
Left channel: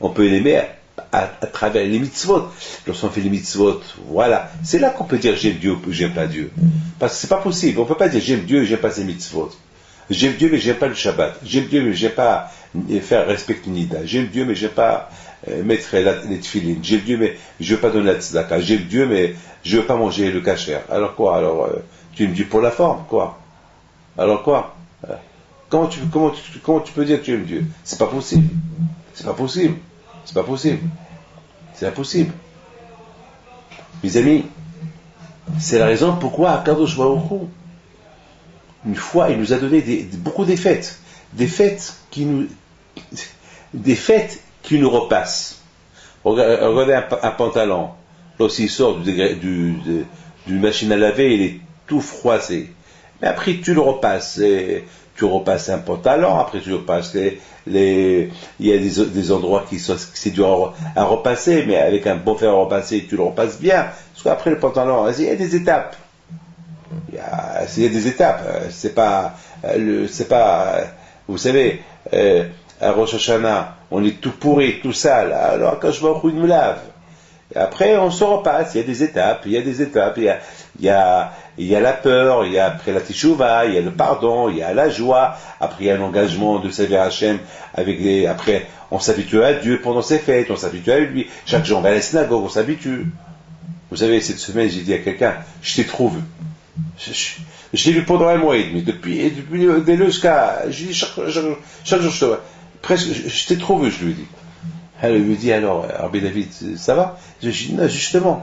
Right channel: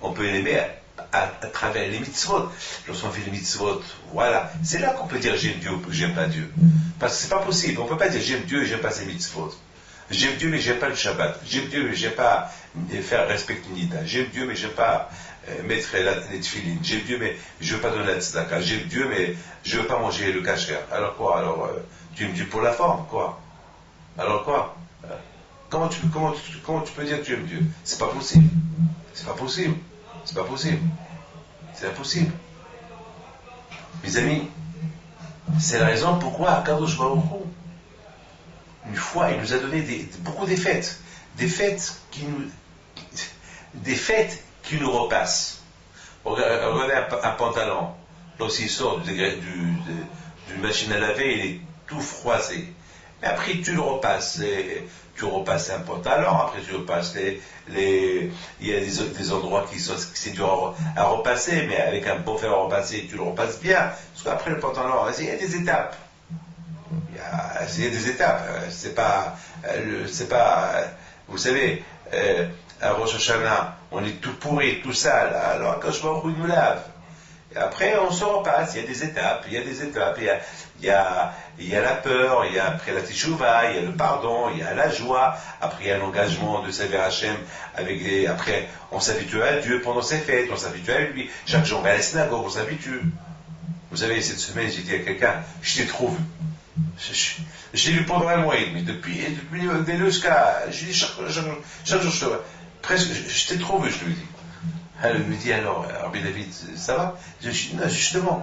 on peut l'aimer à travers les mitzvot. Lorsqu'on fait les mitzvot, voilà. C'est là qu'on peut dire j'aime Dieu ou j'aime pas Dieu. Parce que c'est pas possible. On ne peut pas dire j'aime Dieu et j'aime pas ses mitzvot. J'aime Dieu mais j'aime pas le Shabbat. J'aime Dieu mais j'aime pas faire respecter Nida. J'aime Dieu mais j'aime pas mettre les tefilines. J'aime Dieu mais je veux pas donner la tzedaka. J'aime Dieu mais je veux pas manger le kasher. Alors quoi? Alors tu aimes Dieu pour la forme, quoi? Alors quoi? Comment tu peux dire que tu aimes Dieu? C'est pas possible. C'est pas possible. C'est pas possible. C'est impossible. Mes amis, c'est la raison pourquoi Akadosh Baruch Hu, une fois, il nous a donné beaucoup de fêtes. Des fêtes qui nous repassent. Regardez un pantalon. Lorsqu'il sort d'une machine à laver, il est tout froissé. Mais après, tu le repasses. Tu repasses un pantalon, après tu repasses il y a des endroits c'est dur à repasser, mais avec un bon fer à repasser, tu le repasses bien. Parce qu'après le pantalon, il y a des étapes. Il y a des étapes. C'est pas, vous savez, à Rosh Hashanah, on est tout pourri, tout sale. Alors quand je vois il me lave. Et après, on se repasse. Il y a des étapes. Il y a la peur. Il y a après la teshuva. Il y a le pardon. Il y a la joie. Après, il y a l'engagement de servir Hachem. Après, on s'habitue à Dieu pendant ses fêtes. On s'habitue à lui. Chaque jour, on va à la synagogue. On s'habitue. Vous savez, cette semaine, j'ai dit à quelqu'un, je t'ai trop vu. Je t'ai vu pendant un mois et demi. Depuis dès le jusqu'à, je dis chaque jour, presque, je t'ai trop vu, je lui ai dit. Elle me dit alors Rabbi David, ça va? Je dis non, justement.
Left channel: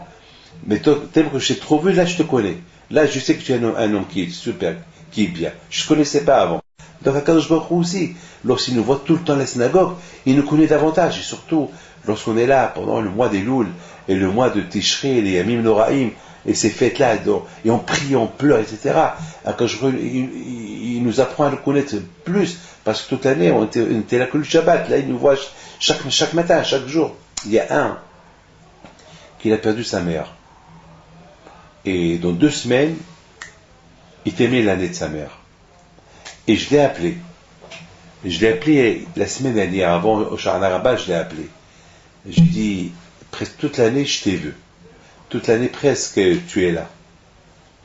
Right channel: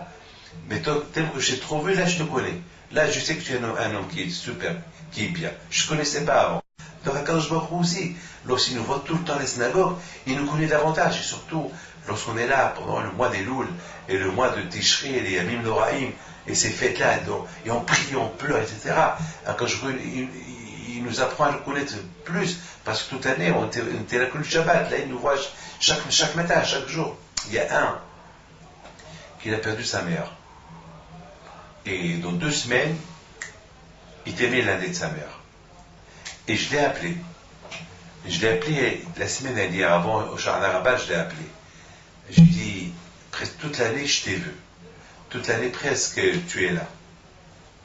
Mais toi, t'aimes que je t'ai trop vu, là je te connais. Là je sais que tu es un homme qui est super, qui est bien. Je ne te connaissais pas avant. Donc Akadosh Baruch Hu aussi, lorsqu'il nous voit tout le temps à la synagogue, il nous connaît davantage, et surtout lorsqu'on est là pendant le mois des Loul et le mois de Tishrei, les Yamim Noraim, et ces fêtes-là, et on prie, on pleure, etc. Akadosh Baruch Hu, il nous apprend à le connaître plus, parce que toute l'année, on était là que le Shabbat, là il nous voit chaque matin, chaque jour. Il y a un qui a perdu sa mère. Et dans 2 semaines, il t'aimait l'année de sa mère. Et je l'ai appelé. Je l'ai appelé la semaine dernière, avant au Shana Rabbah, je l'ai appelé. Je lui ai dit, presque toute l'année, je t'ai vu. Toute l'année, presque, tu es là.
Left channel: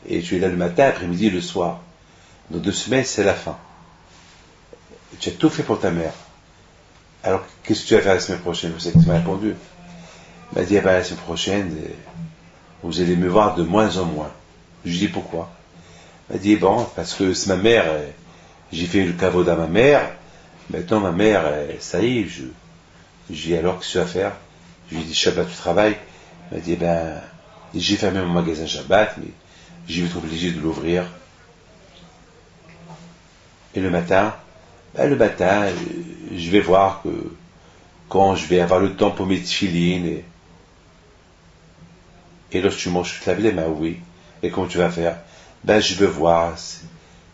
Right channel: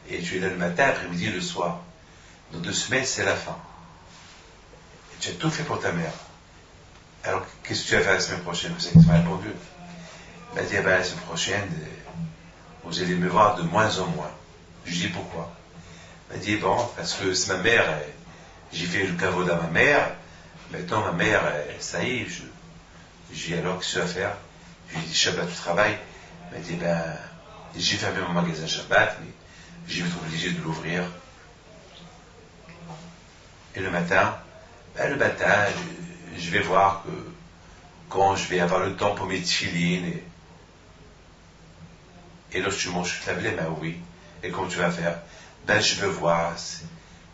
Et tu es là le matin, après-midi, le soir. Dans 2 semaines, c'est la fin. Et tu as tout fait pour ta mère. Alors, qu'est-ce que tu vas faire la semaine prochaine? Vous savez que tu m'as répondu. Il m'a dit, ah ben, la semaine prochaine, vous allez me voir de moins en moins. Je lui ai dit, pourquoi? Il m'a dit, bon, parce que c'est ma mère, j'ai fait le caveau à ma mère, maintenant ma mère, ça y est, j'ai dit, alors qu'est-ce que tu vas faire? Je lui ai dit, Shabbat, tu travailles? Il m'a dit, ben, j'ai fermé mon magasin Shabbat, mais je vais être obligé de l'ouvrir. Et le matin, je vais voir que quand je vais avoir le temps pour mes tefilines, et lorsque tu manges, tu te laves les mains, oui. Et comment tu vas faire? Ben, je veux voir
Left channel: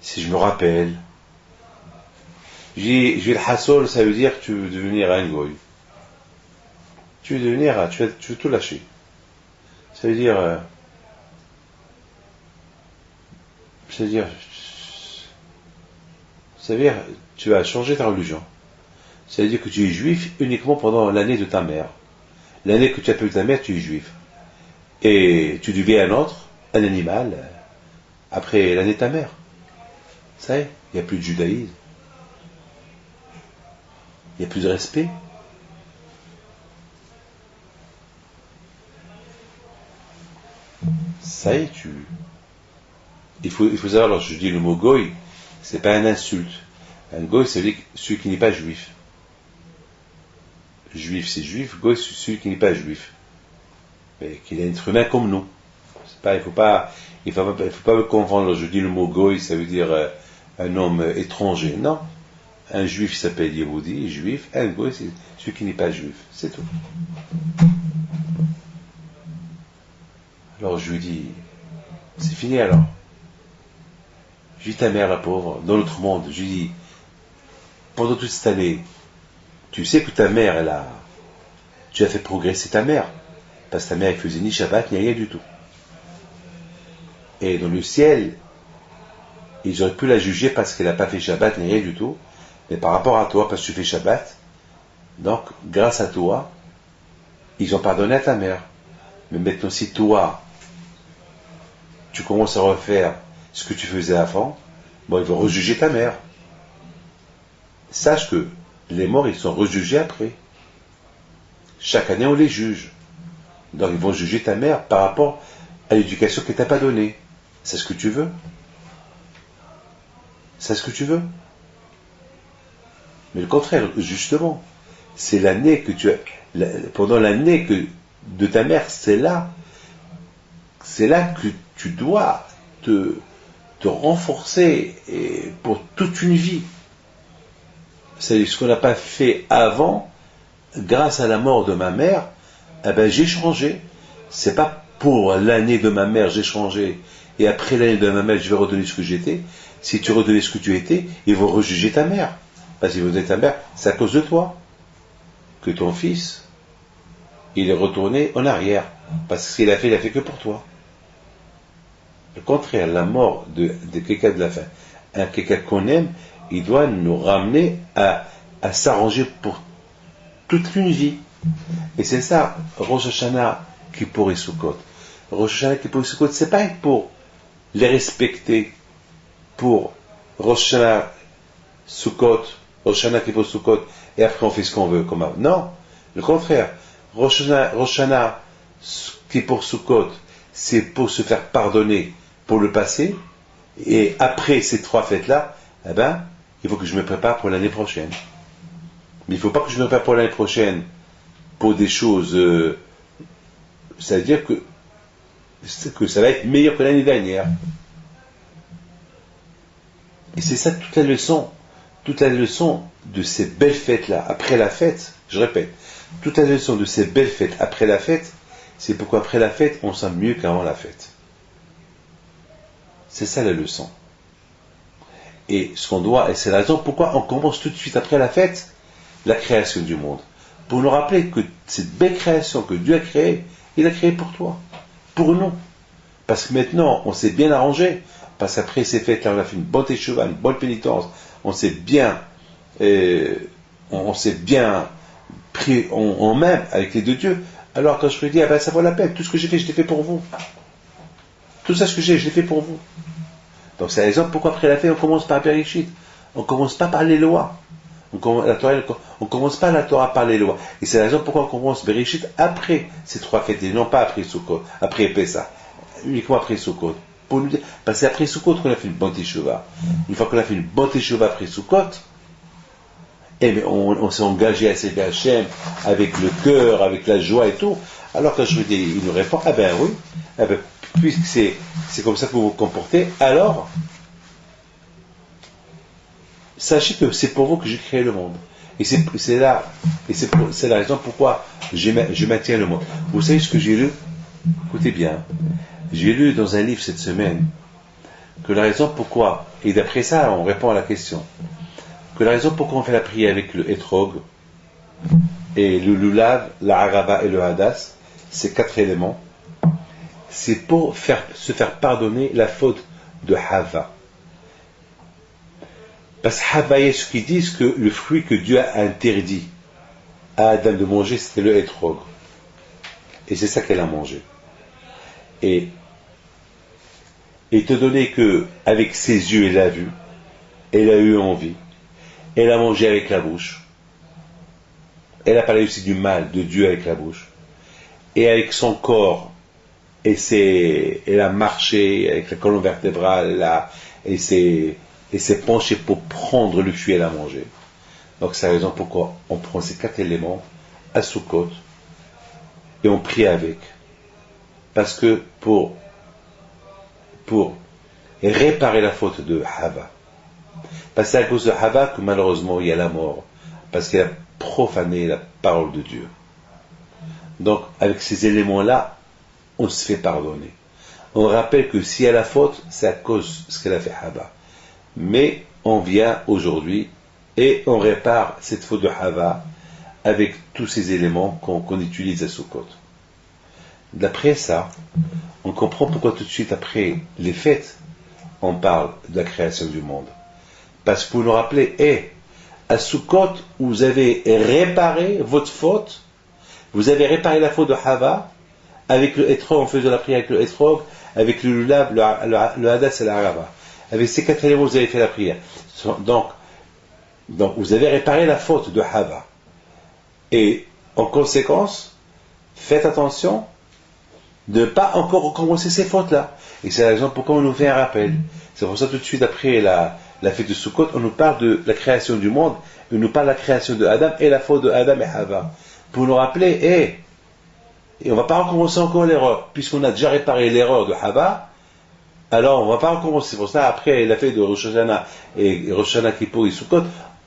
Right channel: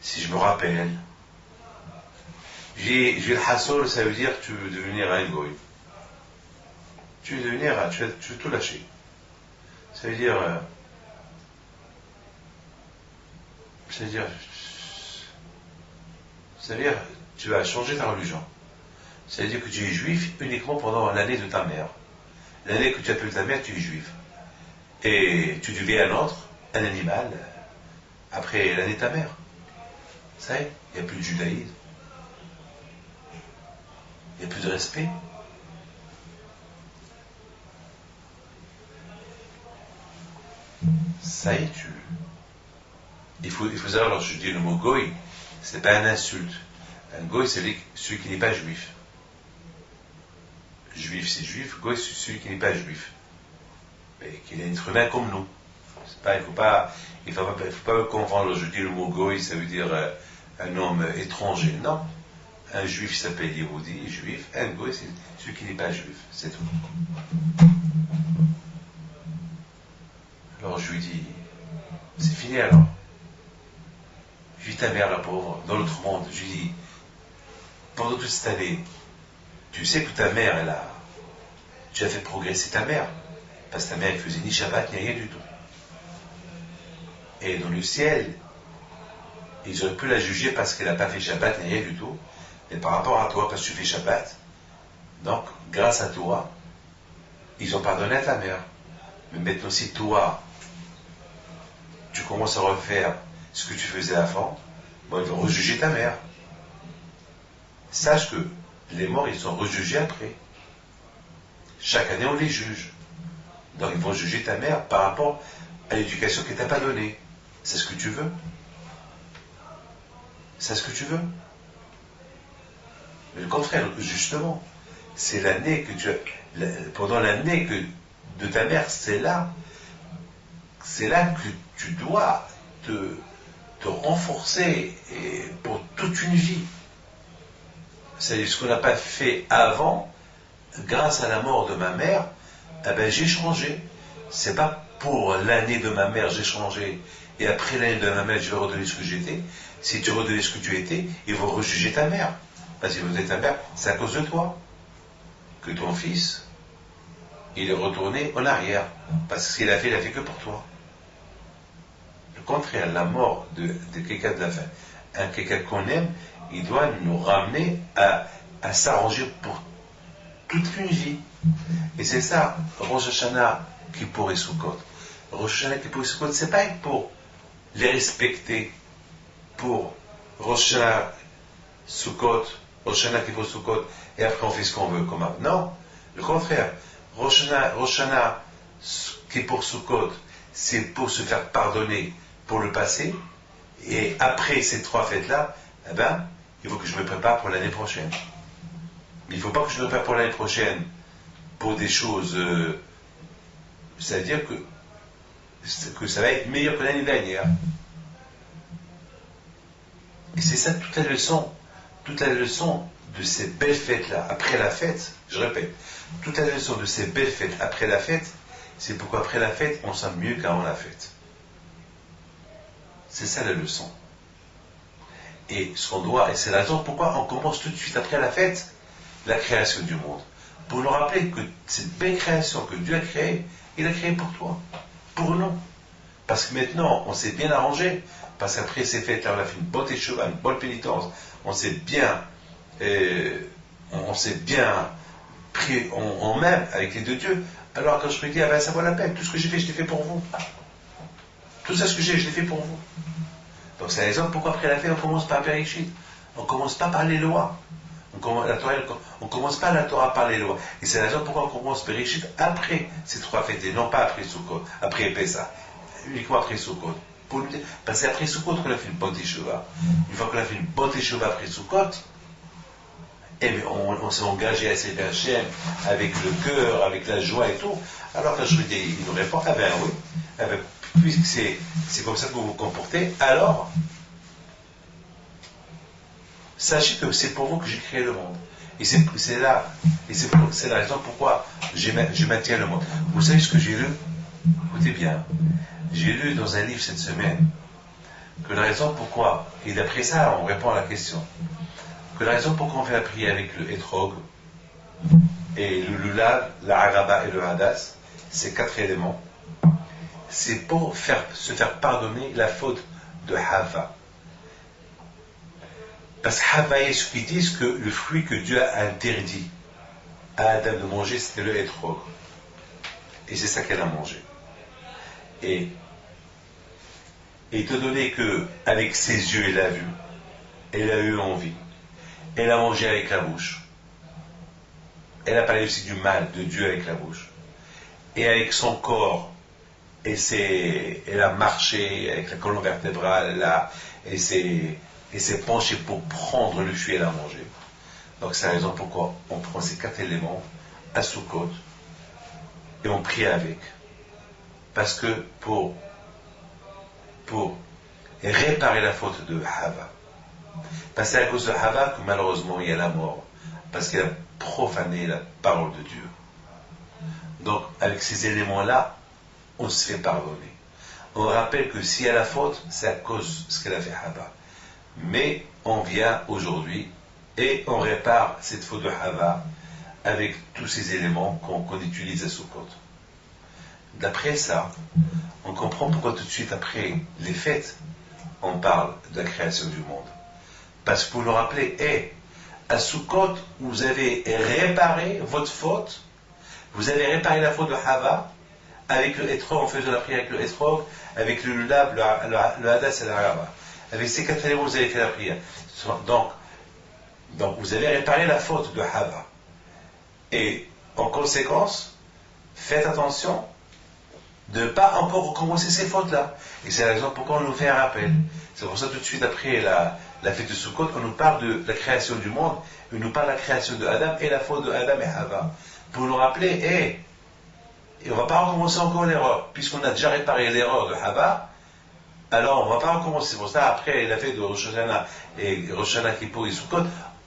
si je me rappelle. J'ai le hassol, ça veut dire que tu veux devenir un goy. Tu veux tout lâcher. Ça veut dire, tu vas changer ta religion. Ça veut dire que tu es juif uniquement pendant l'année de ta mère. L'année que tu appelles ta mère, tu es juif. Et tu deviens un animal, après l'année de ta mère. Ça y est, il n'y a plus de judaïsme. Il n'y a plus de respect. Ça y est, il faut savoir, lorsque je dis le mot goy, c'est pas une insulte. Un goy, c'est celui qui n'est pas juif. Juif, c'est juif. Goy, c'est celui qui n'est pas juif. Mais qu'il est un être humain comme nous. Il faut pas me confondre. Je dis le mot goy, ça veut dire un homme étranger. Non. Un juif s'appelle Yehudi, juif. Un goy, c'est celui qui n'est pas juif. C'est tout. Alors je lui dis, c'est fini alors. Je lui dis, ta mère, la pauvre, dans l'autre monde, je lui dis, pendant toute cette année, tu sais que ta mère, tu as fait progresser ta mère. Parce que ta mère, elle faisait ni Shabbat, ni rien du tout. Et dans le ciel, ils auraient pu la juger parce qu'elle n'a pas fait Shabbat, ni rien du tout. Mais par rapport à toi, parce que tu fais Shabbat, donc, grâce à toi, ils ont pardonné à ta mère. Mais maintenant, si toi, tu commences à refaire ce que tu faisais avant, bon, ils vont rejuger ta mère. Sache que les morts, ils sont rejugés après. Chaque année, on les juge. Donc, ils vont juger ta mère par rapport à l'éducation qu'elle t'a pas donnée. C'est ce que tu veux? C'est ce que tu veux? Mais le contraire, justement, c'est l'année que pendant l'année de ta mère, c'est là que tu dois te renforcer et pour toute une vie. C'est ce qu'on n'a pas fait avant, grâce à la mort de ma mère, eh ben j'ai changé. C'est pas pour l'année de ma mère j'ai changé, et après l'année de ma mère je vais redevenir ce que j'étais. Si tu redeviens ce que tu étais, ils vont rejuger ta mère. Parce qu'ils vont dire ta mère, c'est à cause de toi que ton fils, il est retourné en arrière. Parce que ce qu'il a fait que pour toi. Le contraire, la mort de quelqu'un de la fin, quelqu'un qu'on aime, il doit nous ramener à s'arranger pour toute une vie. Et c'est ça, Rosh Hashanah, Kippour et Sukkot. Rosh Hashanah, Kippour et Sukkot, c'est pas pour les respecter, pour Rosh Hashanah, Sukkot, Rosh Hashanah, Kippour, Sukkot, et après on fait ce qu'on veut, comme avant. Non, le contraire. Rosh Hashanah, Kippour, Sukkot, c'est pour se faire pardonner pour le passé, et après ces 3 fêtes-là, eh ben, il faut que je me prépare pour l'année prochaine. Mais il ne faut pas que je me prépare pour l'année prochaine pour des choses, c'est-à-dire que ça va être meilleur que l'année dernière. Et c'est ça toute la leçon toute la leçon de ces belles fêtes-là, après la fête, je répète, toute la leçon de ces belles fêtes après la fête, c'est pourquoi après la fête, on sent mieux qu'avant la fête. C'est ça la leçon. Et ce qu'on doit, et c'est la raison pourquoi on commence tout de suite après la fête, la création du monde. Pour nous rappeler que cette belle création que Dieu a créée, il a créée pour toi, pour nous. Parce que maintenant, on s'est bien arrangé, parce qu'après ces fêtes-là, on a fait une bonne teshuva, une bonne pénitence, on s'est bien pris en main avec les deux dieux. Alors quand je me dis, ah ben ça vaut la peine, tout ce que j'ai fait, je l'ai fait pour vous. Tout ça ce que j'ai, je l'ai fait pour vous. Donc c'est la raison pourquoi après la fête, on commence par Bereshit. On ne commence pas par les lois. On commence pas la Torah par les lois. Et c'est la raison pourquoi on commence Bereshit après ces trois fêtes, et non pas après Sukkot, après Pessah, uniquement après Sukkot. Pour nous dire, parce que c'est après Sukkot qu'on a fait une bonne teshuva. Une fois qu'on a fait une bonne teshuva après Sukkot, et mais on s'est engagé à servir Hachem avec le cœur, avec la joie et tout. Alors quand je lui dis, il nous répond, ah ben oui, ah ben, puisque c'est comme ça que vous vous comportez, alors sachez que c'est pour vous que j'ai créé le monde. Et c'est la raison pourquoi je maintiens le monde. Vous savez ce que j'ai lu? Écoutez bien. J'ai lu dans un livre cette semaine que la raison pourquoi, et d'après ça on répond à la question, que la raison pourquoi on fait la prière avec le Etrog et le Lulav, la Araba et le Hadas, ces quatre éléments, c'est pour se faire pardonner la faute de Hava. Parce que Hava, il y a ceux qui disent que le fruit que Dieu a interdit à Adam de manger, c'était le Etrog. Et c'est ça qu'elle a mangé. Et étant donné que, avec ses yeux, elle a vu, elle a eu envie, elle a mangé avec la bouche, elle a parlé aussi du mal de Dieu avec la bouche, et avec son corps, elle a marché avec la colonne vertébrale, elle s'est penchée pour prendre le fruit et la manger. Donc c'est la raison pourquoi on prend ces quatre éléments à Sukkot et on prie avec. Parce que pour réparer la faute de Hava. Parce que c'est à cause de Hava que malheureusement il y a la mort. Parce qu'elle a profané la parole de Dieu. Donc avec ces éléments-là, on se fait pardonner. On rappelle que s'il y a la faute, c'est à cause de ce qu'elle a fait Hava. Mais on vient aujourd'hui et on répare cette faute de Hava avec tous ces éléments qu'on utilise à Sukkot. D'après ça, on comprend pourquoi tout de suite après les fêtes, on parle de la création du monde. Parce que pour nous rappeler, à Sukkot, vous avez réparé votre faute, vous avez réparé la faute de Hava, avec le Etrog, en faisant la prière avec le Etrog, avec le Lulav, le Hadas et la Araba. Avec ces quatre éléments, vous avez fait la prière. Donc, vous avez réparé la faute de Hava. Et, en conséquence, faites attention de ne pas encore recommencer ces fautes-là. Et c'est la raison pourquoi on nous fait un rappel. C'est pour ça tout de suite après la fête de Sukkot, on nous parle de la création du monde, on nous parle de la création de Adam et la faute de Adam et Hava. Pour nous rappeler, et on ne va pas recommencer encore l'erreur, puisqu'on a déjà réparé l'erreur de Hava, alors on ne va pas recommencer. C'est pour ça, après la fête de Rosh Hashanah et Rosh Hashanah Kippour et Sukkot,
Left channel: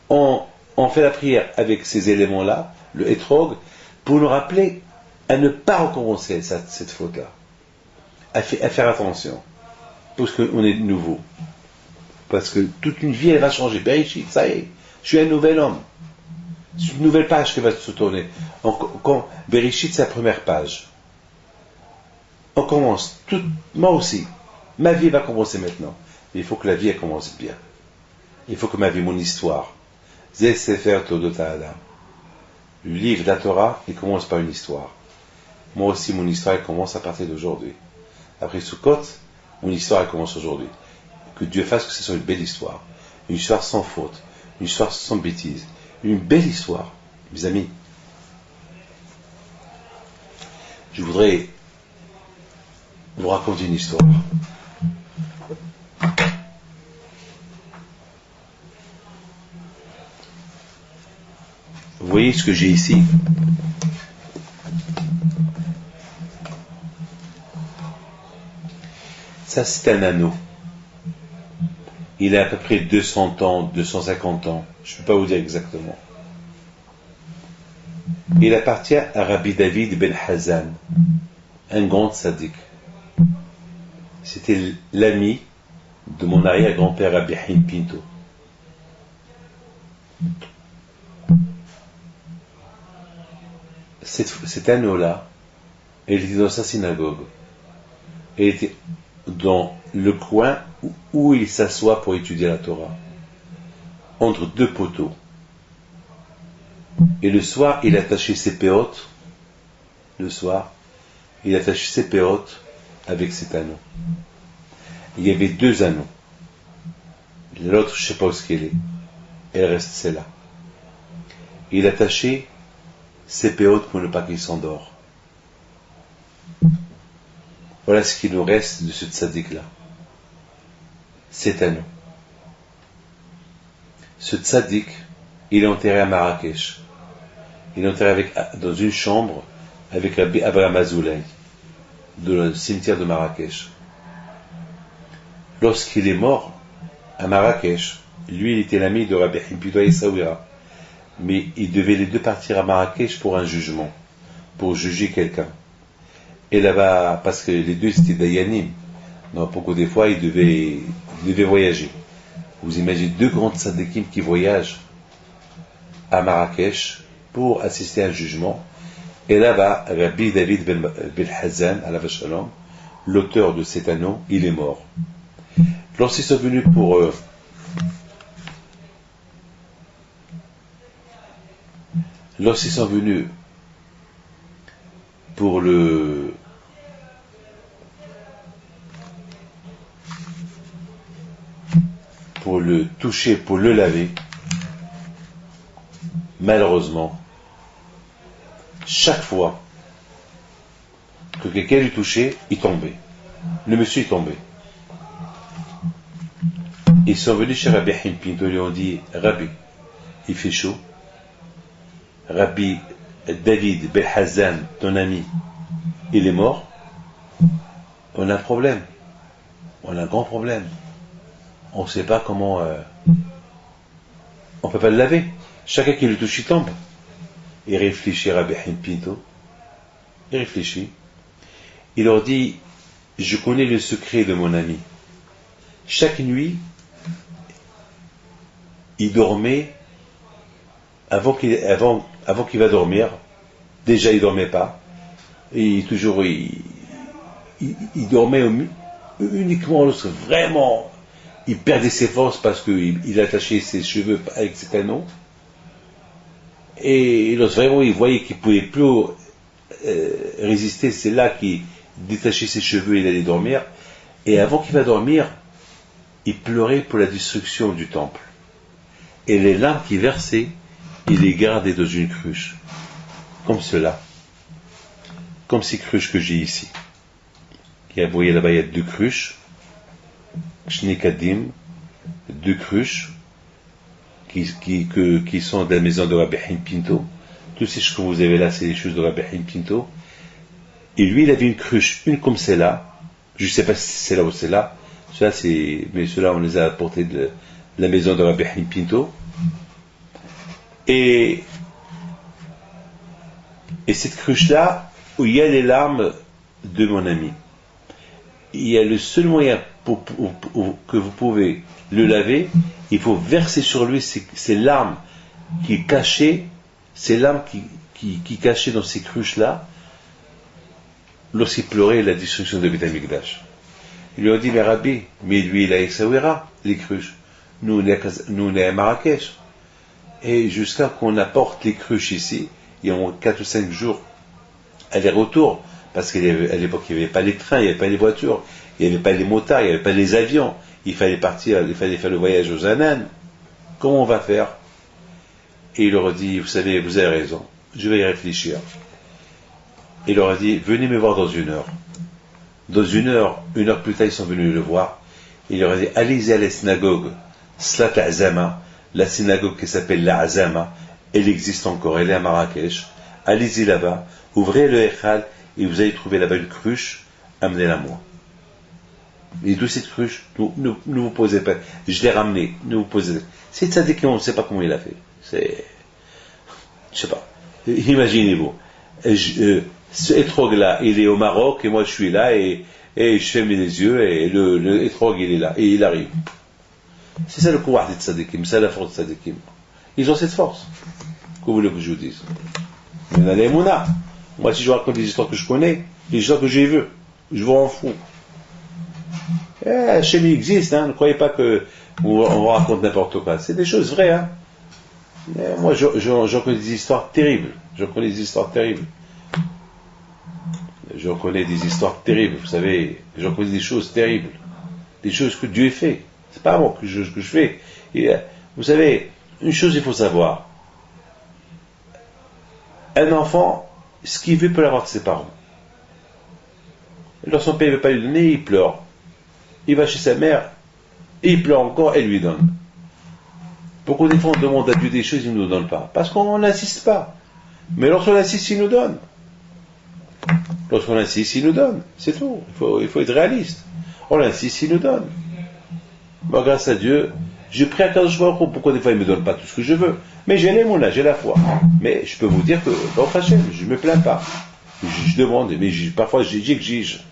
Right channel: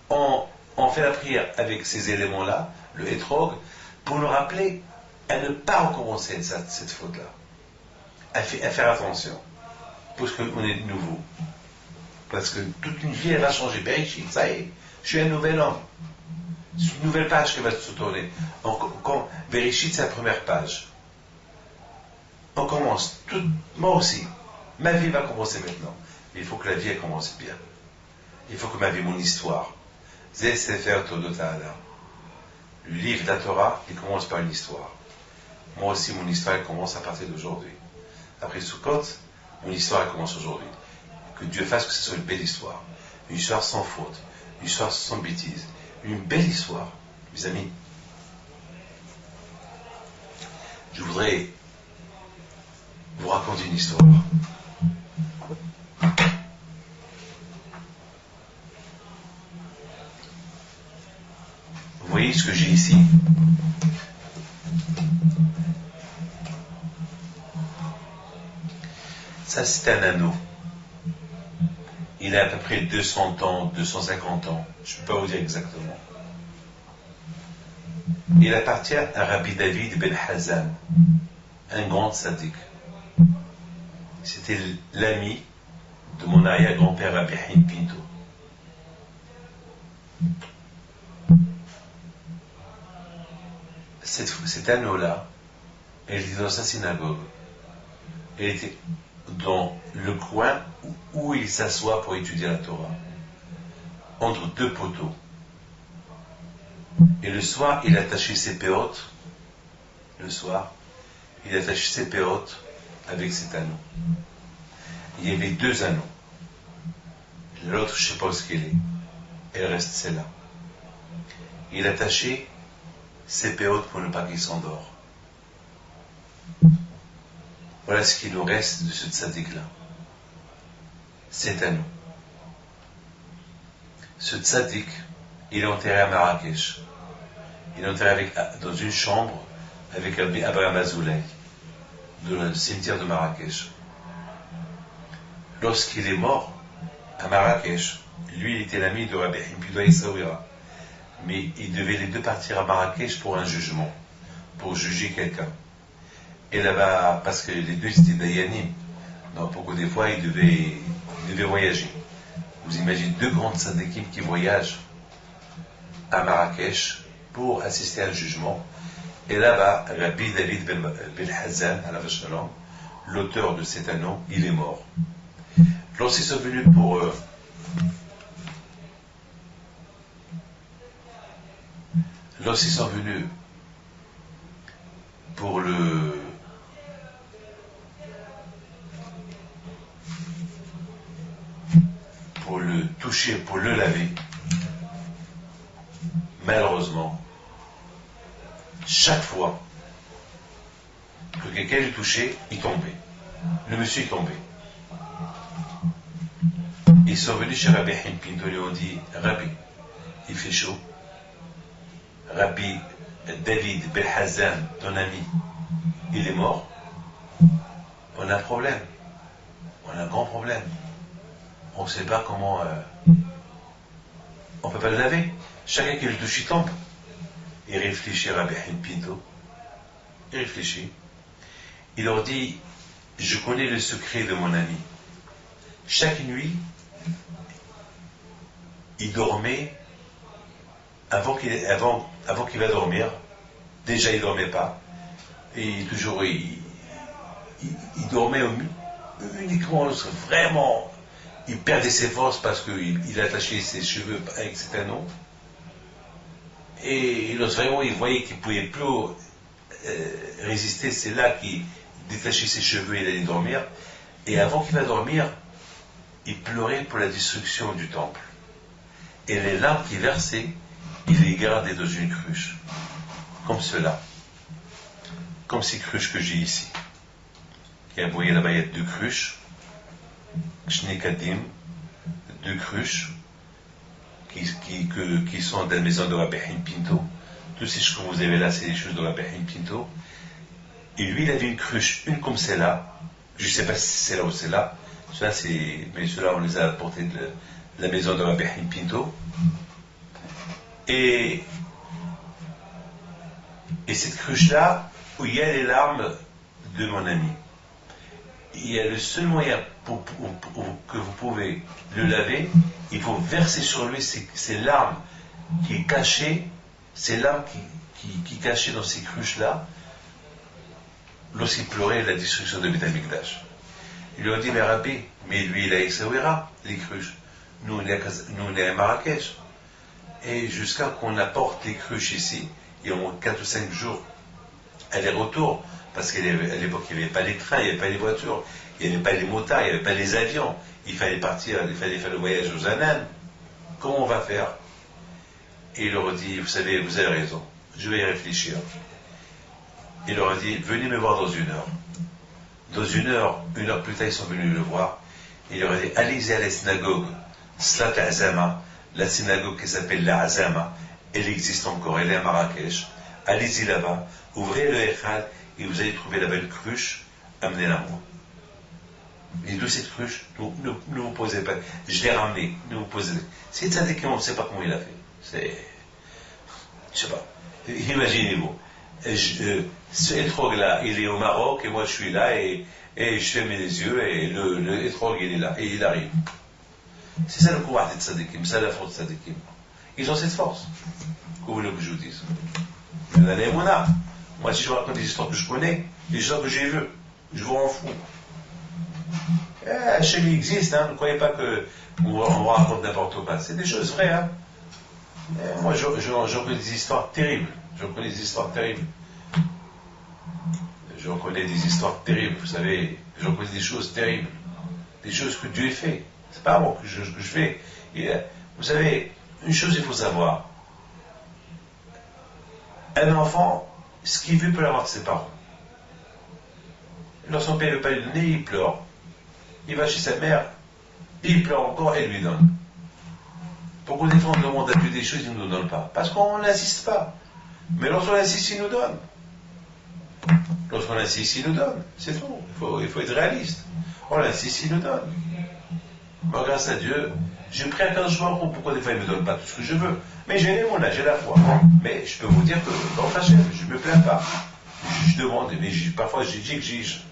on fait la prière avec ces éléments-là, le Etrog, pour nous rappeler à ne pas recommencer cette faute-là. À faire attention. Parce qu'on est nouveau. Parce que toute une vie, elle va changer. Bereshit, ça y est, je suis un nouvel homme. C'est une nouvelle page qui va se tourner. Bereshit, c'est la première page. On commence. Moi aussi. Ma vie va commencer maintenant. Mais il faut que la vie, elle commence bien. Il faut que ma vie, mon histoire. Zé Sefer Todota Adam. Le livre de la Torah, il commence par une histoire. Moi aussi, mon histoire, elle commence à partir d'aujourd'hui. Après Sukkot, mon histoire, elle commence aujourd'hui. Que Dieu fasse que ce soit une belle histoire. Une histoire sans faute. Une histoire sans bêtise. Une belle histoire. Mes amis, je voudrais vous raconter une histoire. Vous voyez ce que j'ai ici? Ça, c'est un anneau. Il a à peu près 200 ans, 250 ans, je ne peux pas vous dire exactement. Il appartient à Rabbi David ben Hazan, un grand sadique. C'était l'ami de mon arrière-grand-père Rabbi Haïm Pinto. Cet anneau-là, elle était dans sa synagogue. Elle était dans le coin où il s'assoit pour étudier la Torah, entre deux poteaux. Et le soir, il attachait ses péotes. Le soir, il attachait ses péotes avec cet anneau. Il y avait deux anneaux. L'autre, je ne sais pas où ce qu'elle est. Elle reste celle-là. Il attachait ses péotes pour ne pas qu'il s'endort. Voilà ce qui nous reste de ce tzaddik-là. Cet anneau. Ce tzaddik, il est enterré à Marrakech. Il est enterré dans une chambre avec Rabbi Abraham Azoulay, dans le cimetière de Marrakech. Lorsqu'il est mort à Marrakech, lui il était l'ami de Rabbi Haïm Pinto Essaouira, mais ils devaient les deux partir à Marrakech pour un jugement, pour juger quelqu'un. Et là-bas, parce que les deux c'était Dayanim, donc beaucoup des fois ils devaient voyager. Vous imaginez deux grands tzadikim qui voyagent à Marrakech pour assister à un jugement. Et là-bas, Rabbi David ben Hazan, alav shalom, l'auteur de cet anneau, il est mort. Lorsqu'ils sont venus pour le toucher, pour le laver, malheureusement, chaque fois que quelqu'un le touchait, il tombait. Le monsieur est tombé. Ils sont venus chez Rabbi Haïm Pinto, ils lui ont dit, Rabbi, il fait chaud. Rabbi David Ben Hazan, ton ami, il est mort. On a un problème. On a un grand problème. On ne sait pas comment... on ne peut pas le laver. Chacun qui le touche, il tombe. Il réfléchit, Rabbi Haïm Pinto. Il réfléchit. Il leur dit, je connais le secret de mon ami. Chaque nuit, il dormait, avant qu'il va dormir, déjà il dormait pas, et toujours il dormait uniquement lorsque vraiment il perdait ses forces parce qu'il attachait ses cheveux avec cet anneau, et lorsque vraiment il voyait qu'il ne pouvait plus résister, c'est là qu'il détachait ses cheveux et il allait dormir, et avant qu'il va dormir, il pleurait pour la destruction du temple. Et les larmes qui versaient, il les gardait dans une cruche, comme cela, comme ces cruches que j'ai ici. Vous voyez là-bas, il y a deux cruches, Shnekadim, deux cruches, qui sont de la maison de Rabbi Haïm Pinto. Tout ce que vous avez là, c'est des choses de Rabbi Haïm Pinto. Et lui, il avait une cruche, une comme celle-là, je ne sais pas si c'est là ou c'est là, mais ceux-là, on les a apportés de la maison de Rabbi Haïm Pinto. Et cette cruche-là, où il y a les larmes de mon ami, il y a le seul moyen que vous pouvez le laver, il faut verser sur lui ces larmes qui cachaient, ces larmes qui cachaient dans ces cruches-là, lorsqu'il pleurait la destruction de Beth Amikdash. Il lui a dit, mais Rabbi, mais lui il a Essaouira, les cruches. Nous on est à Marrakech. Et jusqu'à qu'on apporte les cruches ici, il y a 4 ou 5 jours aller-retour, parce qu'à l'époque il n'y avait pas les trains, il n'y avait pas les voitures, il n'y avait pas les motards, il n'y avait pas les avions, il fallait partir, il fallait faire le voyage aux Ananes. Comment on va faire? Et il leur a dit, vous savez, vous avez raison, je vais y réfléchir. Il leur a dit, venez me voir dans 1 heure. Dans 1 heure plus tard, ils sont venus le voir. Il leur a dit, allez-y à la synagogue, Slat Azama, la synagogue qui s'appelle la Azama, elle existe encore, elle est à Marrakech. Allez-y là-bas, ouvrez le Echal et vous allez trouver là-bas une cruche, amenez-la moi. Les deux cette cruche, ne vous posez pas. Je l'ai ramené, ne vous posez pas. C'est tzaddik, on ne sait pas comment il a fait. C'est, je sais pas. Imaginez-vous, ce étrog-là, il est au Maroc, et moi je suis là, et je ferme les yeux, et le étrog, il est là, et il arrive. C'est ça le pouvoir des tzaddikim, c'est la force des tzaddikim. Ils ont cette force. Que voulez-vous que je vous dise? Mais dans les Mouna, moi si je vous raconte des histoires que je connais, des histoires que j'ai vues, je vous rends fou. Chez lui existe, hein, ne croyez pas qu'on vous raconte n'importe quoi. C'est des choses vraies, hein. Moi, j'en connais des histoires terribles. J'en connais des histoires terribles. J'en connais des histoires terribles, vous savez. J'en connais des choses terribles. Des choses que Dieu fait. C'est pas moi que je fais. Et, vous savez, une chose il faut savoir. Un enfant, ce qu'il veut peut l'avoir de ses parents. Alors son père ne veut pas lui donner, il pleure. Il va chez sa mère, il pleure encore, elle lui donne. Beaucoup de fois on demande à Dieu des choses, il ne nous donne pas. Parce qu'on n'insiste pas. Mais lorsqu'on insiste, il nous donne. Lorsqu'on insiste, il nous donne. C'est tout. Il faut être réaliste. On insiste, il nous donne. Moi, grâce à Dieu, j'ai pris un Kadosh Baruch Hu. Pourquoi des fois il ne me donne pas tout ce que je veux? Mais j'ai l'émouna, j'ai la foi. Mais je peux vous dire que, Baruch Hashem, je ne me plains pas. Je demande, mais parfois j'exige.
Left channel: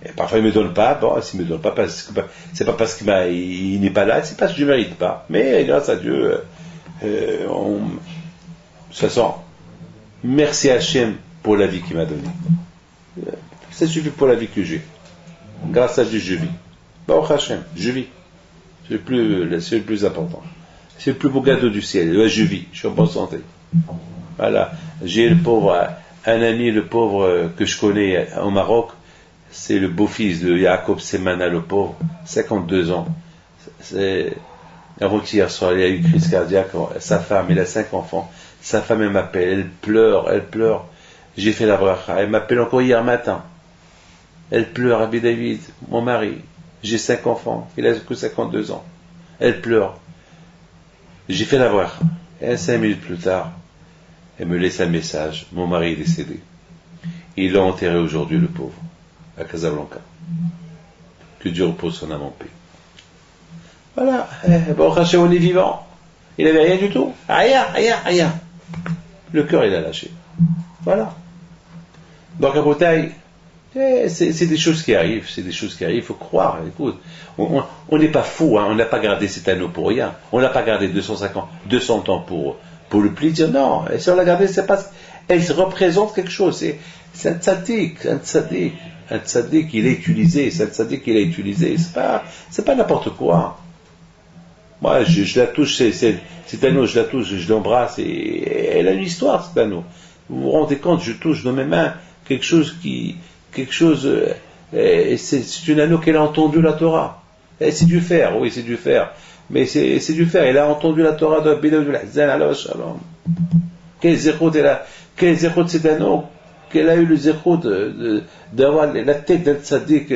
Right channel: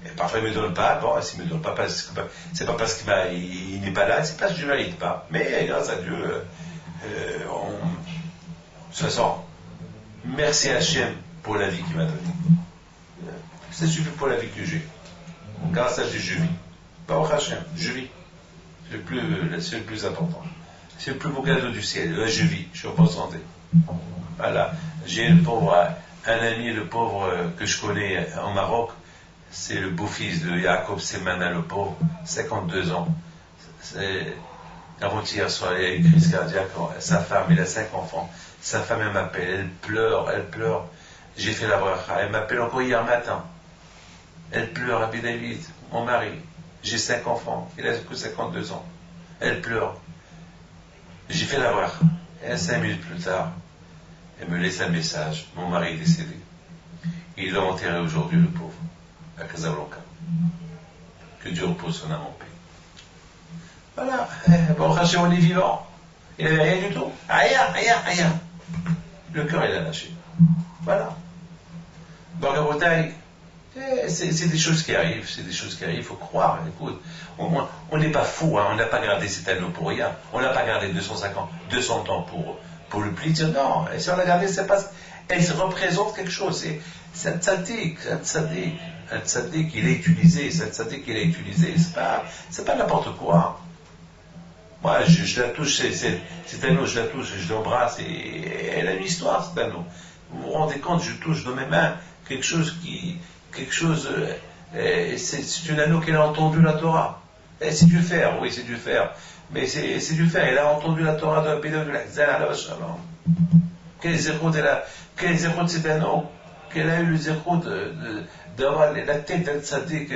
Et parfois il ne me donne pas, bon, s'il ne me donne pas, c'est pas parce qu'il n'est pas là, c'est parce que je ne mérite pas. Mais grâce à Dieu, de toute façon, merci Hachem pour la vie qu'il m'a donnée. Ça suffit pour la vie que j'ai. Grâce à Dieu, je vis. Baruch Hachem, je vis. C'est le plus important. C'est le plus beau cadeau du ciel. Là, je vis, je suis en bonne santé. Voilà. J'ai un ami, le pauvre que je connais au Maroc, c'est le beau-fils de Jacob Semana, le pauvre, 52 ans. Avant-hier soir, il a eu crise cardiaque, sa femme, elle a 5 enfants. Sa femme, elle m'appelle, elle pleure. J'ai fait la bracha, elle m'appelle encore hier matin. Elle pleure, Rabbi David, mon mari. J'ai 5 enfants, il a que 52 ans. Elle pleure. J'ai fait la bracha. Et 5 minutes plus tard, elle me laisse un message, mon mari est décédé. Ils l'ont enterré aujourd'hui, le pauvre, à Casablanca. Que Dieu repose son âme en paix. Voilà, bon, Hachem, on est vivant. Il n'avait rien du tout. Rien. Le cœur, il a lâché. Voilà. Donc, à Bretagne, c'est des choses qui arrivent, il faut croire. Écoute, on n'est pas fou, hein, on n'a pas gardé cet anneau pour rien. On n'a pas gardé 200 ans pour le plaisir. Non, si on l'a gardé, c'est pas, elle représente quelque chose. C'est un tzaddik, il est utilisé, c'est pas n'importe quoi. Moi, je la touche, cet anneau, je la touche, je l'embrasse, et elle a une histoire, cet anneau. Vous vous rendez compte, je touche dans mes mains quelque chose, c'est une anneau qu'elle a entendu la Torah. Et c'est du fer, oui, c'est du fer. Mais c'est du fer, elle a entendu la Torah de Bilal de l'Ahzan, Allah Shalom. Quel zérout cet anneau, qu'elle a eu le zérout d'avoir la tête d'un tzaddik,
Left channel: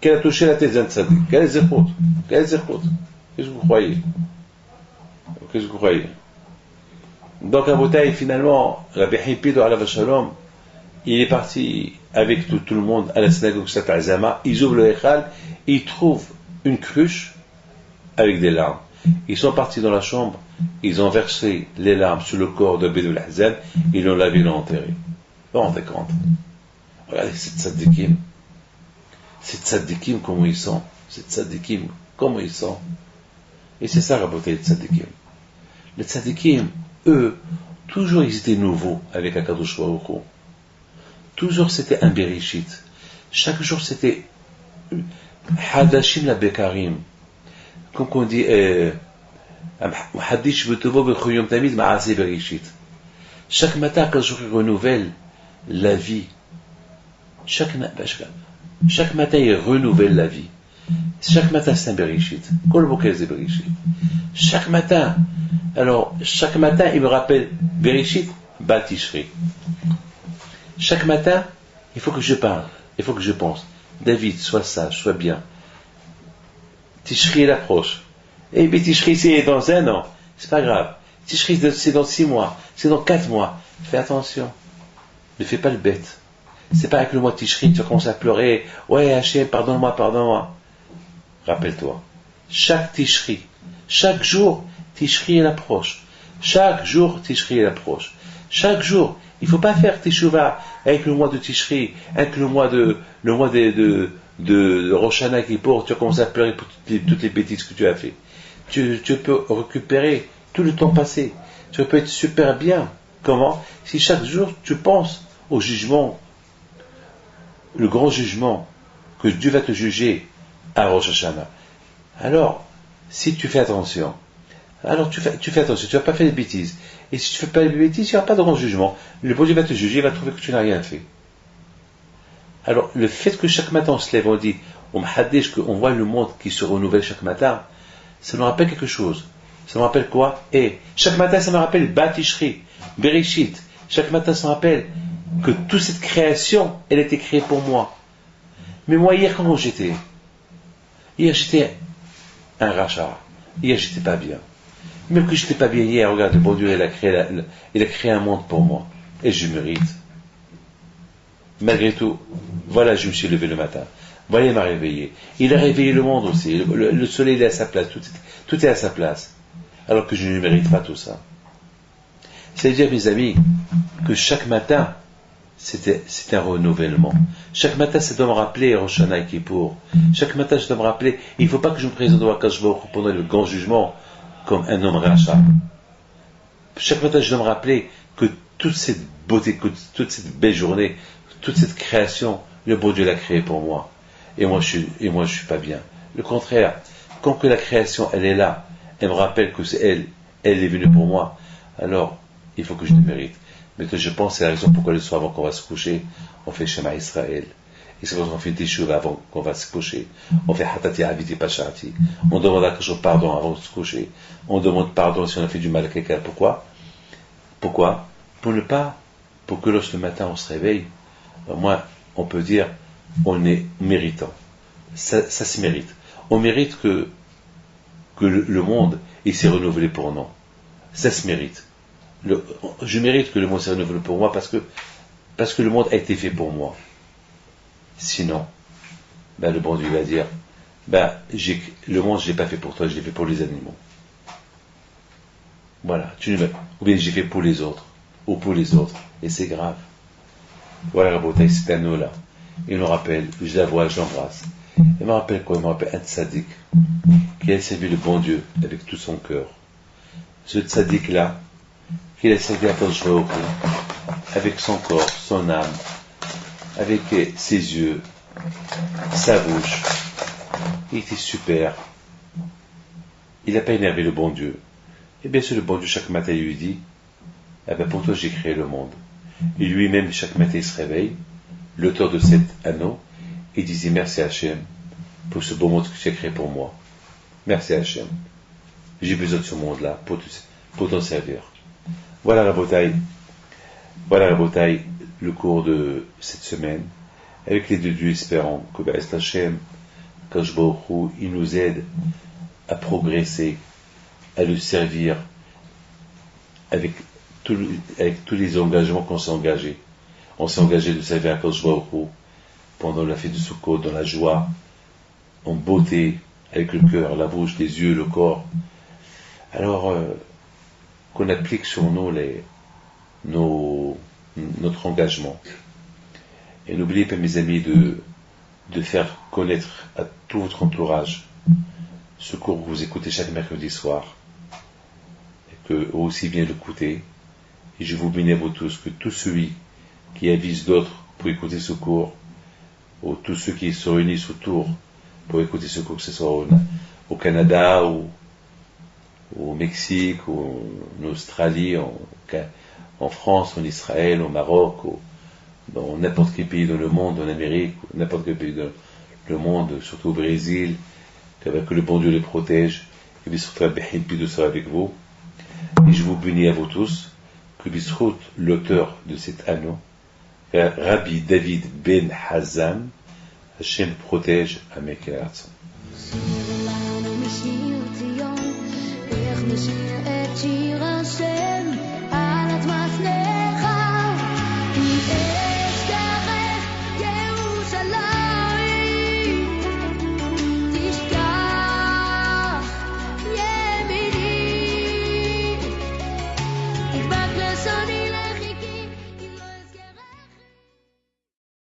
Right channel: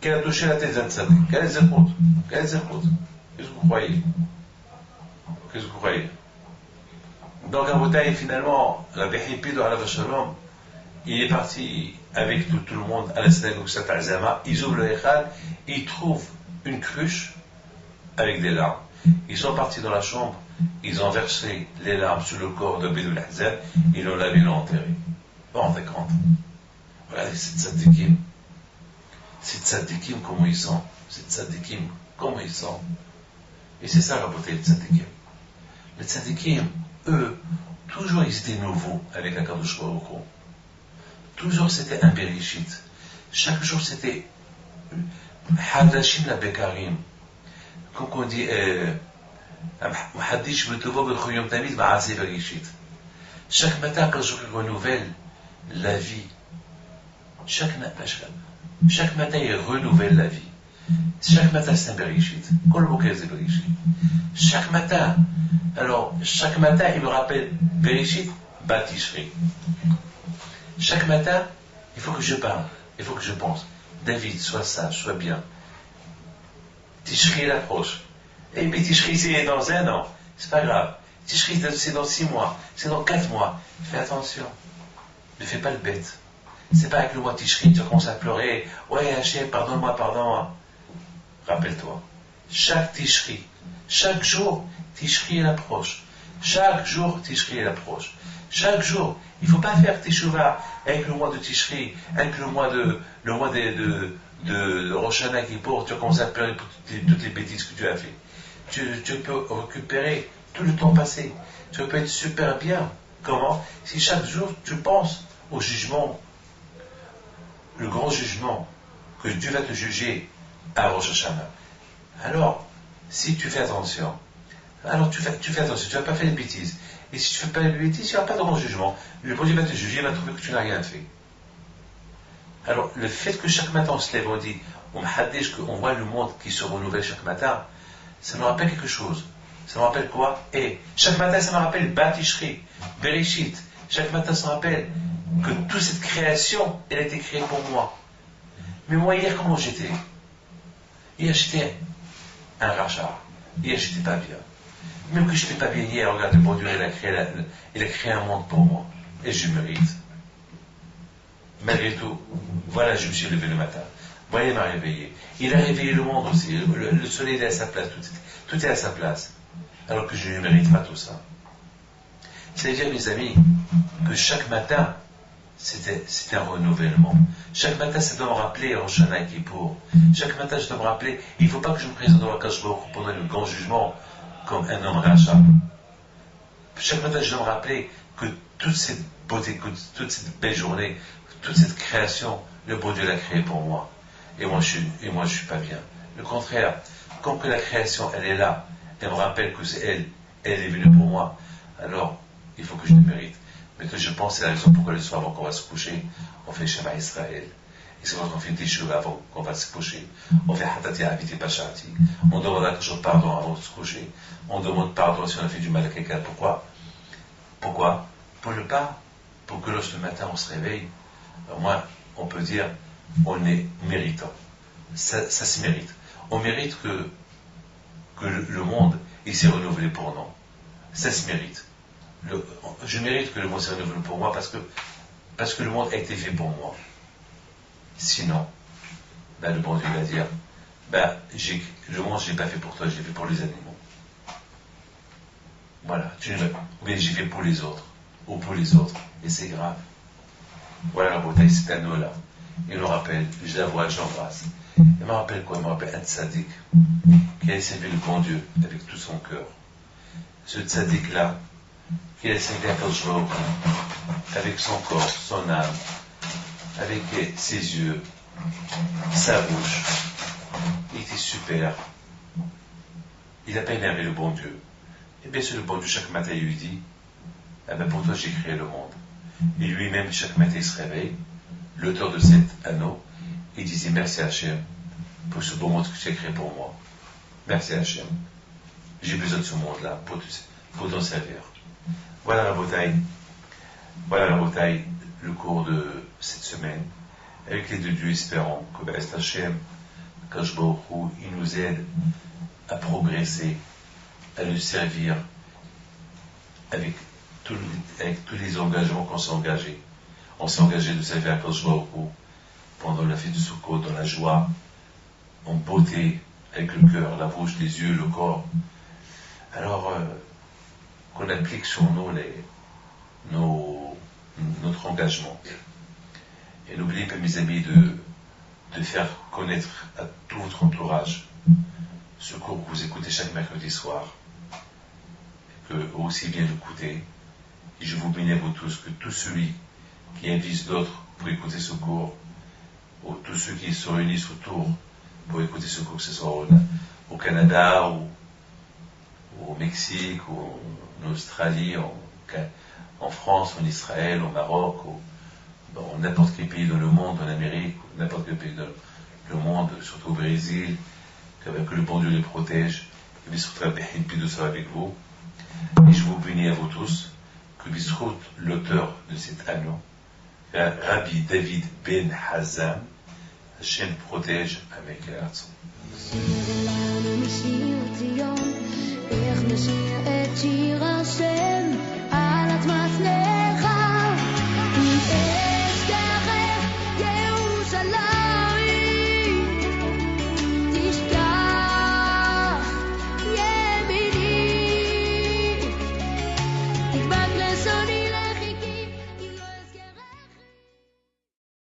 qu'elle a touché la tête d'un tzaddik. Quel zérout. Qu'est-ce que vous croyez? Donc à Boutaï, finalement, Rabbi Hipido Alav Shalom, il est parti avec tout le monde à la synagogue Sat Azama. Ils ouvrent le Echal et ils trouvent une cruche avec des larmes. Ils sont partis dans la chambre, ils ont versé les larmes sur le corps de Bédou Hazan, ils l'ont lavé, ils l'ont enterré. Vous vous rendez compte? Regardez cette tzaddikim, comment ils sont. Et c'est ça, Rabotai, les tzaddikim. Les tzaddikim, eux, toujours ils étaient nouveaux avec Akadosh Baruch Hu. Toujours c'était un Bereshit. Chaque jour c'était Hadashim la Bekarim. Comme on dit, Hadish v'tovo b'chuyom tamid ma'aseh Bereshit. Chaque matin, quand je renouvelle la vie, chaque matin il renouvelle la vie. Chaque matin c'est un Bereshit. Kol boker c'est Bereshit. Chaque matin, il me rappelle Bereshit, Batishri. Chaque matin, il faut que je parle, il faut que je pense. David, sois sage, sois bien. Tishri, il approche. Eh bien, Tishri, c'est dans 1 an. C'est pas grave. Tishri, c'est dans 6 mois. C'est dans 4 mois. Fais attention. Ne fais pas le bête. C'est pas avec le mois de Tishri, tu vas commencer à pleurer. Ouais, Hachem, pardonne-moi, pardonne-moi. Rappelle-toi, chaque Tishri, chaque jour, Tishri elle approche. Chaque jour, Tishri elle approche. Chaque jour, il ne faut pas faire Teshuvah avec le mois de Tishri, avec le mois de Rosh Hashanah Kippour, tu vas commencer à pleurer pour toutes les bêtises que tu as fait. Tu peux récupérer tout le temps passé. Tu peux être super bien. Comment? Si chaque jour tu penses au jugement, le grand jugement que Dieu va te juger à Rosh Hashanah. Alors, si tu fais attention, alors tu fais attention, tu ne vas pas faire des bêtises. Et si tu ne fais pas des bêtises, il n'y aura pas de grand jugement. Le bon Dieu va te juger, il va trouver que tu n'as rien fait. Alors, le fait que chaque matin on se lève, on dit, on m'haddish, qu'on voit le monde qui se renouvelle chaque matin, ça nous rappelle quelque chose. Ça me rappelle quoi? Et chaque matin, ça me rappelle Batishri, Bereshit. Chaque matin, ça me rappelle que toute cette création, elle a été créée pour moi. Mais moi, hier, comment j'étais? Hier, j'étais un rachat. Hier, j'étais pas bien. Même que j'étais pas bien hier, regarde, le bon Dieu, il a créé un monde pour moi. Et je mérite. Malgré tout, voilà, je me suis levé le matin. Voilà, il m'a réveillé. Il a réveillé le monde aussi. Le soleil est à sa place. Tout est à sa place. Alors que je ne mérite pas tout ça. C'est-à-dire, mes amis, que chaque matin, c'est un renouvellement. Chaque matin, ça doit me rappeler Rosh Hashanah et Kippour. Chaque matin, je dois me rappeler, il ne faut pas que je me présente au Akadosh Baruch Hu pendant le grand jugement comme un homme rachat. Chaque matin, je dois me rappeler que toute cette beauté, que toute cette belle journée, toute cette création, le bon Dieu l'a créée pour moi. Et moi, je suis pas bien. Le contraire, quand que la création, elle est là, elle me rappelle que c'est elle est venue pour moi, alors il faut que je le mérite. Mais que je pense que c'est la raison pourquoi le soir avant qu'on va se coucher, on fait Shema Israël. Et c'est pour ça qu'on fait Teshuvah avant qu'on va se coucher. On fait Hatati Aviti Pashati. On demande à quelque chose pardon avant de se coucher. On demande pardon si on a fait du mal à quelqu'un. Pourquoi? Pour que lorsque le matin on se réveille, moi, on peut dire, on est méritant. Ça se mérite. On mérite que le monde il s'est renouvelé pour nous. Ça se mérite. Je mérite que le monde s'est renouvelé pour moi parce que le monde a été fait pour moi. Sinon, le bon Dieu va dire, le monde je ne l'ai pas fait pour toi, je l'ai fait pour les animaux. Voilà, ou bien j'ai fait pour les autres, ou pour les autres, et c'est grave. Voilà la beauté, cet anneau-là. Il nous rappelle, je la vois, je l'embrasse. Il me rappelle quoi? Il me rappelle un tzaddik qui a servi le bon Dieu avec tout son cœur. Ce tzaddik-là, qu'il a servi à Kadosh Baruch Hu, avec son corps, son âme, avec ses yeux, sa bouche. Il était super. Il n'a pas énervé le bon Dieu. Et bien sûr, le bon Dieu, chaque matin, il lui dit, pour toi, j'ai créé le monde. Et lui-même, chaque matin, il se réveille, l'auteur de cet anneau, et disait merci à Hachem pour ce beau monde que tu as créé pour moi. Merci à Hachem. J'ai besoin de ce monde-là pour t'en servir. Voilà la bataille, le cours de cette semaine. Avec l'aide de Dieu, espérons que Hachem, Kadosh Baruch Hu, il nous aide à progresser, à le servir avec tous les engagements qu'on s'est engagés. On s'est engagé de servir à Kadosh Baruch Hu pendant la fête de Sukkot, dans la joie, en beauté, avec le cœur, la bouche, les yeux, le corps. Alors, qu'on applique sur nous notre engagement. Et n'oubliez pas, mes amis, de faire connaître à tout votre entourage ce cours que vous écoutez chaque mercredi soir, et que eux aussi viennent l'écouter. Et je vous bénis à vous tous, que tous ceux qui avisent d'autres pour écouter ce cours, ou tous ceux qui se réunissent autour pour écouter ce cours, que ce soit au Canada, ou au Mexique, ou en Australie, en France, en Israël, au Maroc, ou dans n'importe quel pays dans le monde, en Amérique, ou n'importe quel pays dans le monde, surtout au Brésil, que le bon Dieu les protège, que Bisrout soit avec vous. Et je vous bénis à vous tous, que Bisrout, l'auteur de cet anneau, Rabbi David Ben Hazan, Hachem protège à mes cœurs. שיר לנו משיר ציון, איך נשיר את שיר השם